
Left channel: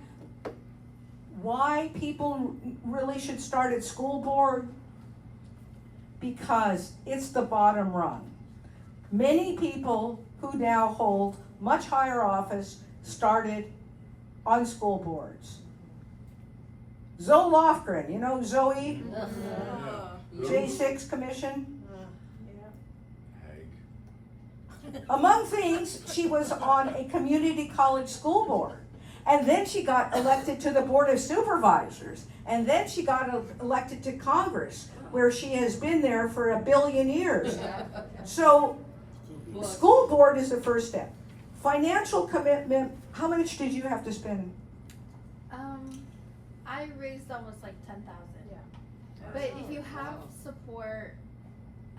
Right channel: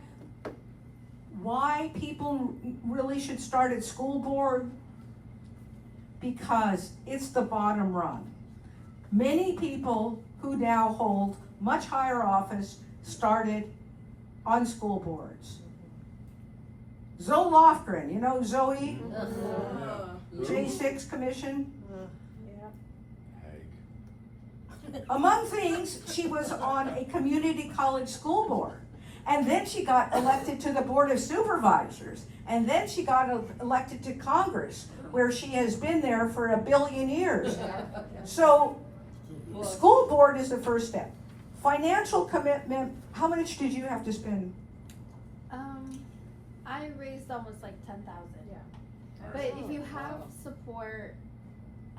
why people really should start at school board, because it's the bottom rung. Many people who now hold much higher office started on school boards. Zoe Lofgren, you know Zoe? J6 Commission? Among things, she was on a community college school board. And then she got elected to the Board of Supervisors. And then she got elected to Congress, where she has been there for 1 billion years. So, school board is the first step. Financial commitment, how much did you have to spend? I raised almost like 10,000. Yeah. But if you have support,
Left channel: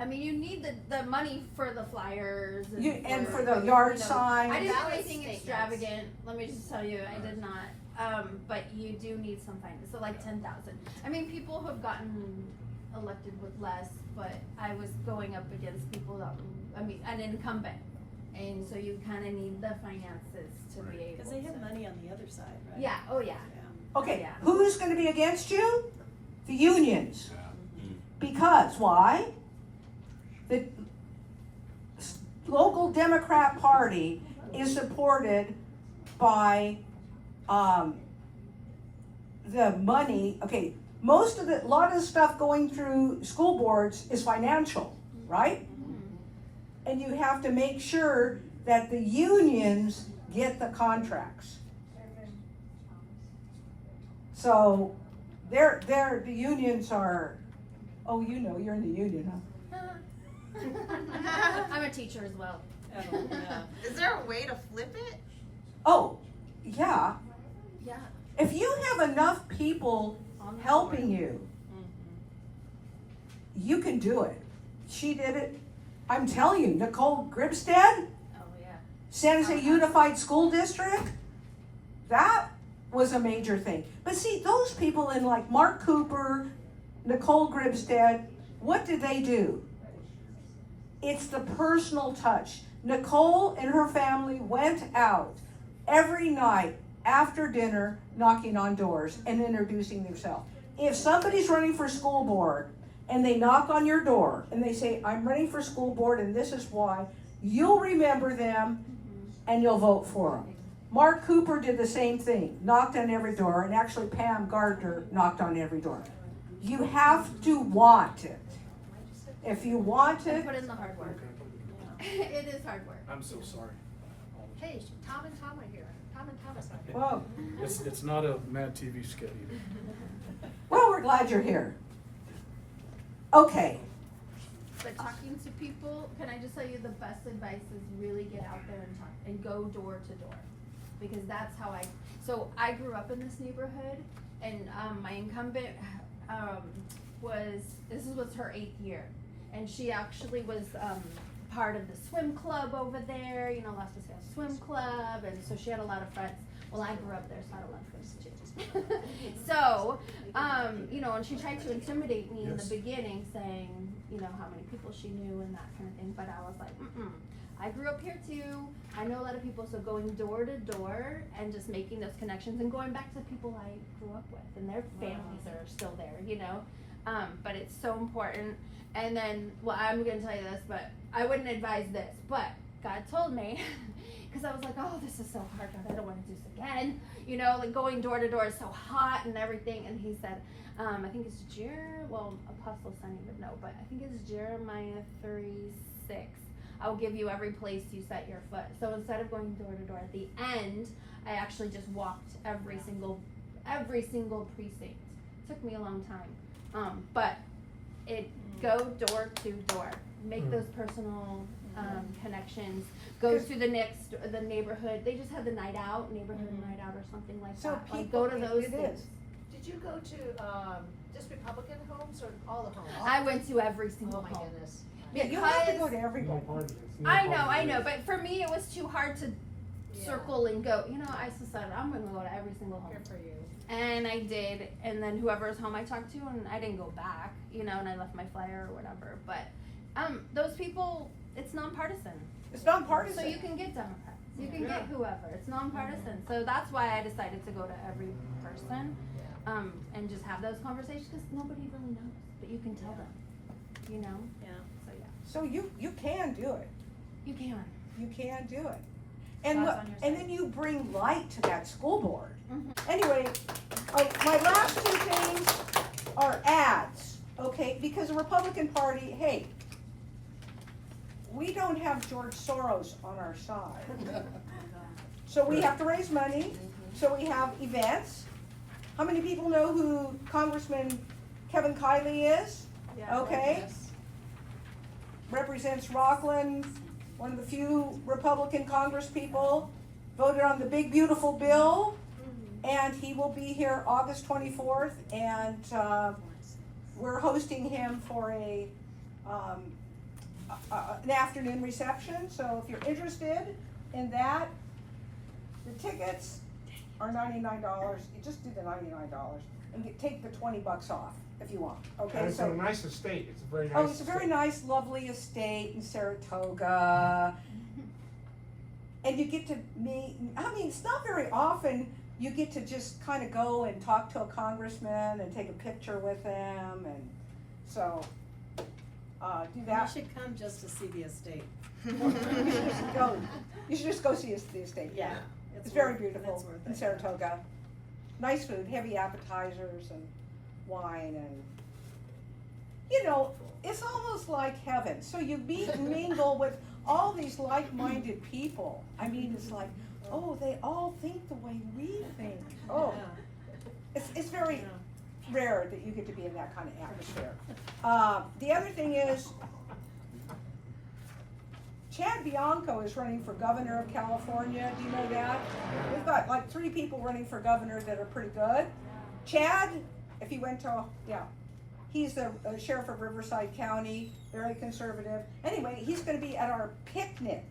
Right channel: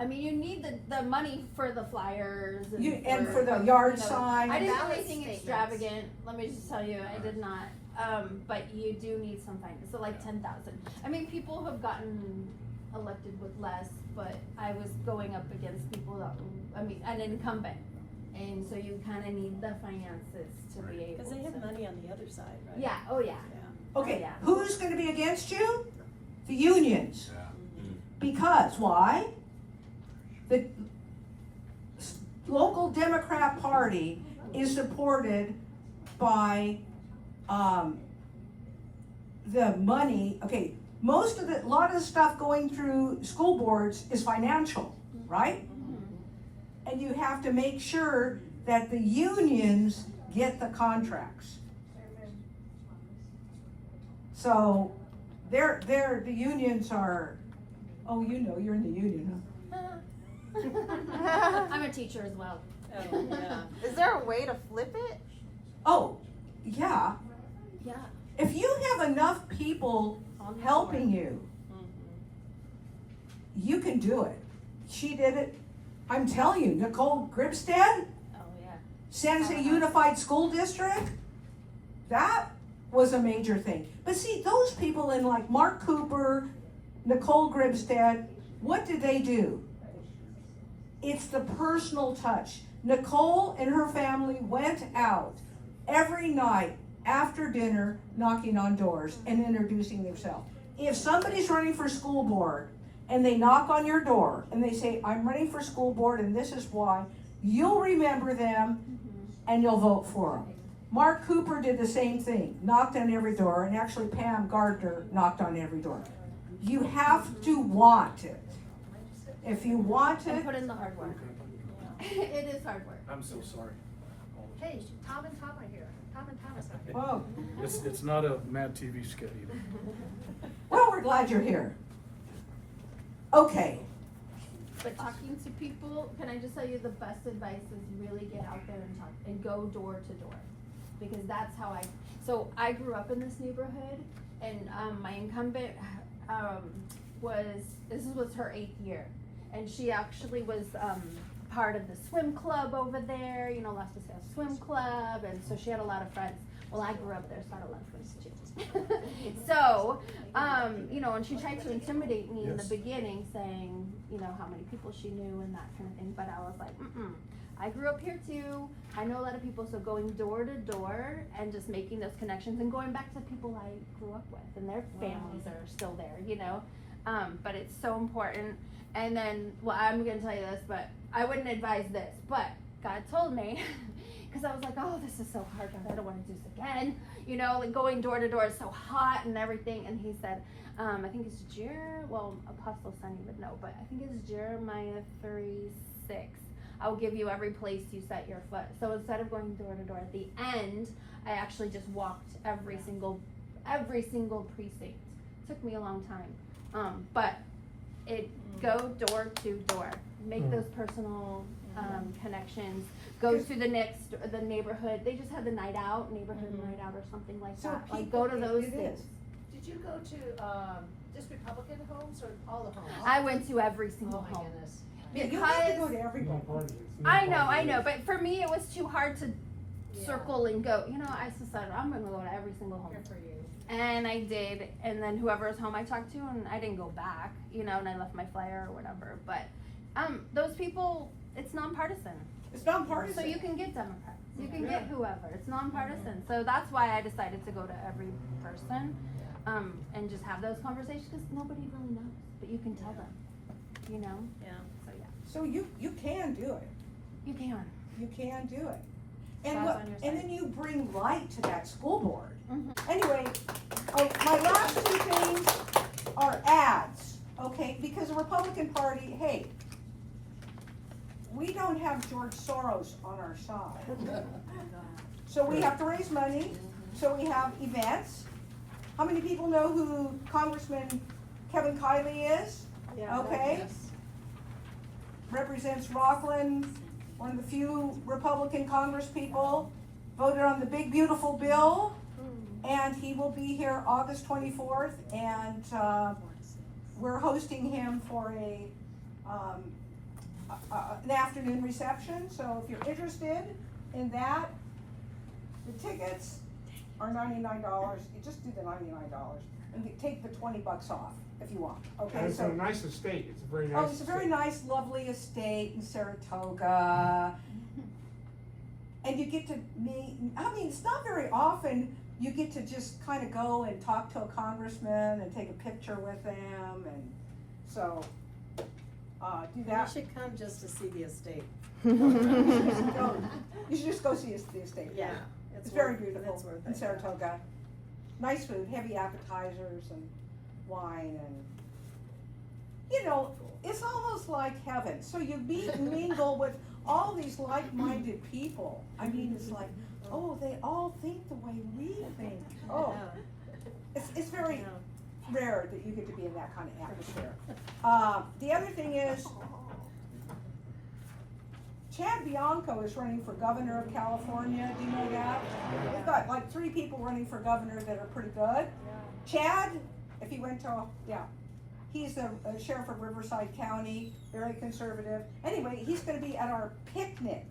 I mean, you need the money for the flyers And for the yard sign. I didn't do anything extravagant. Let me just tell you, I did not. But you do need some finance. So like 10,000. I mean, people have gotten elected with less, but I was going up against people that, an incumbent. And so you kind of need the finances to be able to. Because they have money on the other side, right? Yeah, oh yeah. Okay, Yeah. who's gonna be against you? The unions. Because, why? The local Democrat Party is supported by, the money, okay, a lot of the stuff going through school boards is financial, right? And you have to make sure that the unions get the contracts. So, the unions are, oh, you know, you're in the union, huh? I'm a teacher as well. Oh, yeah. Is there a way to flip it? Oh, yeah. Yeah. If you have enough people helping you, you can do it. She did it. I'm telling you, Nicole Gribstead, Oh yeah. San Jose Unified School District, that was a major thing. But see, those people in like Mark Cooper, Nicole Gribstead, what did they do? It's the personal touch. Nicole and her family went out every night after dinner knocking on doors and introducing themselves. If somebody's running for school board and they knock on your door and they say, I'm running for school board and this is why, you'll remember them and you'll vote for them. Mark Cooper did the same thing, knocked on every door, and actually Pam Gardner knocked on every door. You have to want it. If you want And it, put in the hard work. It is hard work. I'm so sorry. Hey, Tom and Tom are here. Tom and Tom is here. whoa, It's not a Mad TV skit either. well, we're glad you're here. Okay, But talking to people, can I just tell you the best advice is really get out there and talk and go door to door. Because that's how I grew up in this neighborhood, and my incumbent this was her 8th year. And she actually was part of the swim club over there, Las Paseos Swim Club, and so she had a lot of friends. Well, I grew up there, so I don't like Massachusetts. So, you know, and she tried to intimidate me in the beginning, saying, you know, how many people she knew and that kind of thing. But I was like, I grew up here too. I know a lot of people, so going door to door and just making those connections and going back to people I grew up with and their families are still there, you know. But it's so important. And then, well, I'm going to tell you this, but I wouldn't advise this, but God told me, because I was like, oh, this is so hard, God, I don't want to do this again. You know, like going door to door is so hot and everything. And he said, I think it's Apostle Sonny would know, but I think it's Jeremiah 3:6. I will give you every place you set your foot. So instead of going door to door, at the end, I actually just walked every single precinct. It took me a long time. But go door to door. Make those personal connections. Go to the neighborhood. They just had the night out, neighborhood night out or something like that. Like go to those things. Did you go to just Republican homes or all the homes? I went to every single Oh my home. goodness. Yeah, you have to go to everybody. I know, but for me it was too hard to circle and go. You know, I decided I'm gonna go to every single home. Good for you. And I did, and then whoever's home I talked to, and I didn't go back, you know, and I left my flyer or whatever. But those people, it's nonpartisan. It's nonpartisan. So you can get Democrats, you can get whoever. It's nonpartisan. So that's why I decided to go to every person, and just have those conversations because nobody really knows, but you can tell them, you know. Yeah. So yeah. So you can do it. You can. You can do it. And God's on your and side. then you bring light to that school board. Mm-hmm. Anyway, my last two things are ads, okay? Because the Republican Party, hey, we don't have George Soros on our side. So we have to raise money, so we have events. How many people know who Congressman Kevin Kiley is? Yeah. Okay. Yes. Represents Rockland, one of the few Republican congresspeople, voted on the big beautiful bill, and he will be here August 24th, and we're hosting him for an afternoon reception. So if you're interested in that, the tickets are $99. You just do the $99 and take the $20 off if you want. Okay, And it's so a nice estate, it's a very nice oh, it's a very estate. nice, lovely estate in Saratoga. And you get to meet, I mean, it's not very often you get to just kind of go and talk to a congressman and take a picture with them, and so, do that. You should come just to see the estate. You should just go see the estate. Yeah. It's very worth- beautiful it's worth in it. Saratoga. Nice food, heavy appetizers and wine, and, you know, it's almost like heaven. So you meet and mingle with all these like-minded people. I mean, it's like, oh, they all think the way we think. Oh, it's very rare that you get to be in that kind of atmosphere. The other thing is, Chad Bianco is running for governor of California. Do you know that? We've got like 3 people running for governor that are pretty good. Chad, if he went to, he's the sheriff of Riverside County, very conservative. Anyway, he's going to be at our picnic.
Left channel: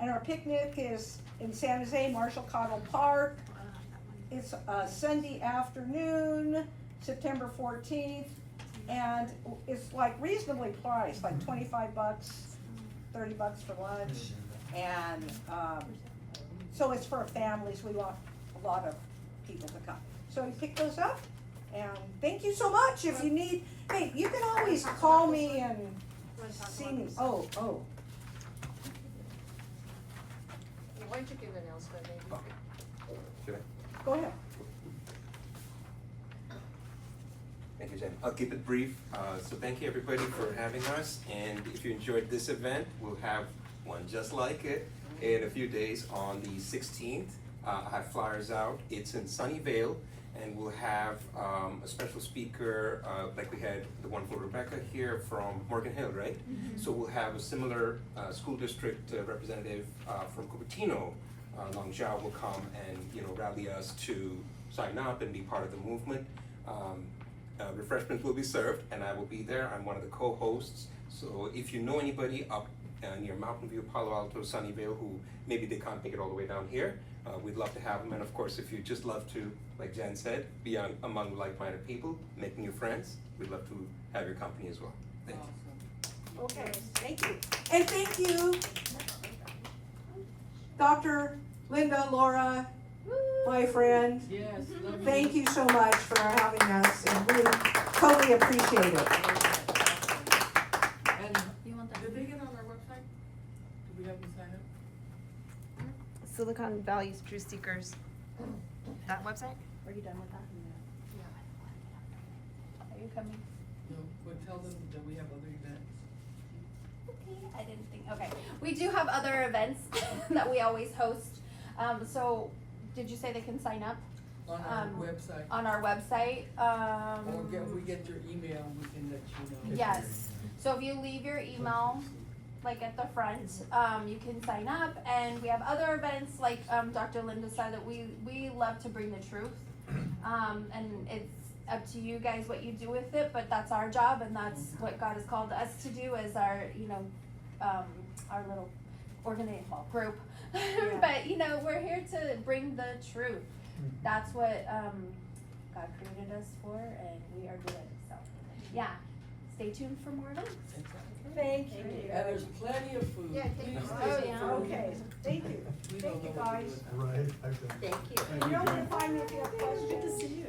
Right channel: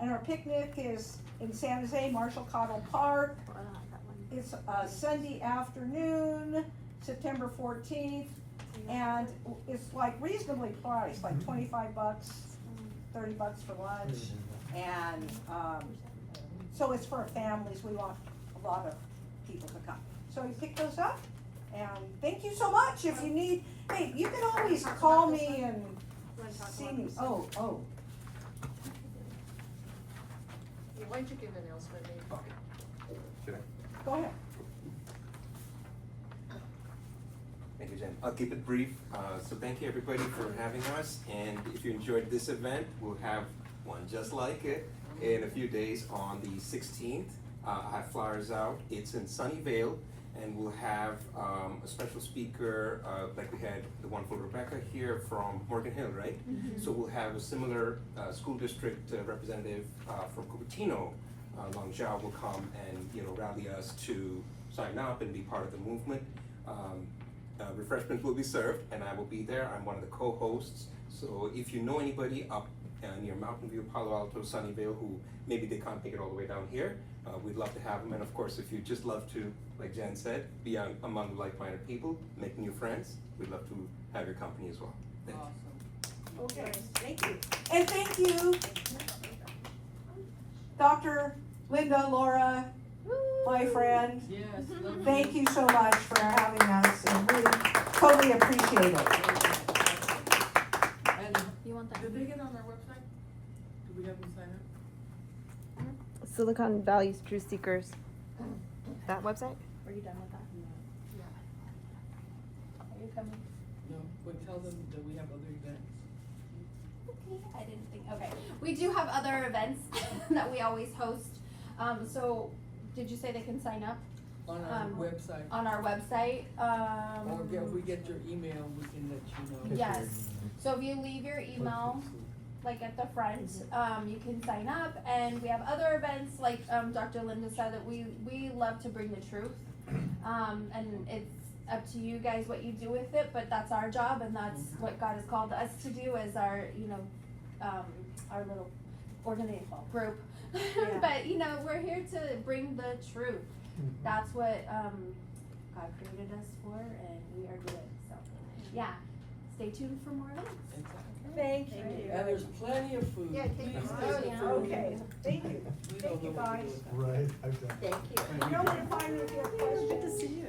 And our picnic is in San Jose, Marshall Cottle Park. It's Sunday afternoon, September 14th. And it's like reasonably priced, like $25, $30 for lunch. And so it's for families. We want a lot of people to come. So you pick those up. And thank you so much. If you need, hey, you can always call me and see me. Oh. Why don't you give an announcement, maybe? Should I? Go ahead. Thank you, Jen. I'll keep it brief. So thank you everybody for having us. And if you enjoyed this event, we'll have one just like it in a few days on the 16th. I have flyers out. It's in Sunnyvale, and we'll have a special speaker, like we had the wonderful Rebecca here from Morgan Hill, right? So we'll have a similar school district representative from Cupertino, Long Zhao, will come and rally us to sign up and be part of the movement. Refreshments will be served, and I will be there. I'm one of the co-hosts. So if you know anybody up near Mountain View, Palo Alto, Sunnyvale, who maybe they can't make it all the way down here. We'd love to have them, and of course, if you just love to, like Jan said, be among like-minded people, make new friends, we'd love to have your company as well. Thank you. Okay, thank you. And thank you, Dr. Linda, Laura, my friend. Yes. Thank you so much for having us, and we totally appreciate it. And You want that? did they get on our website? Do we have them sign up? Silicon Valley's Truth Seekers. That website? Are you done with that? Are you coming? No, but tell them that we have other events. Okay, I didn't think, okay. We do have other events that we always host. So, did you say they can sign up? On our website. On our website, Or if we get your email, we can let you know. yes. So if you leave your email, like at the front, you can sign up, and we have other events, like, Dr. Linda said, that we love to bring the truth. And it's up to you guys what you do with it, but that's our job, and that's what God has called us to do as our, our little group. But, we're here to bring the truth. That's what, God created us for, and we are doing it, so, yeah. Stay tuned for more events. Thank you. And there's plenty of food. Yeah, thank you. Please Oh, stay yeah. for food. Okay, thank you. Thank you, guys. Right, exactly. You know where to find me if you have questions. Good to see you.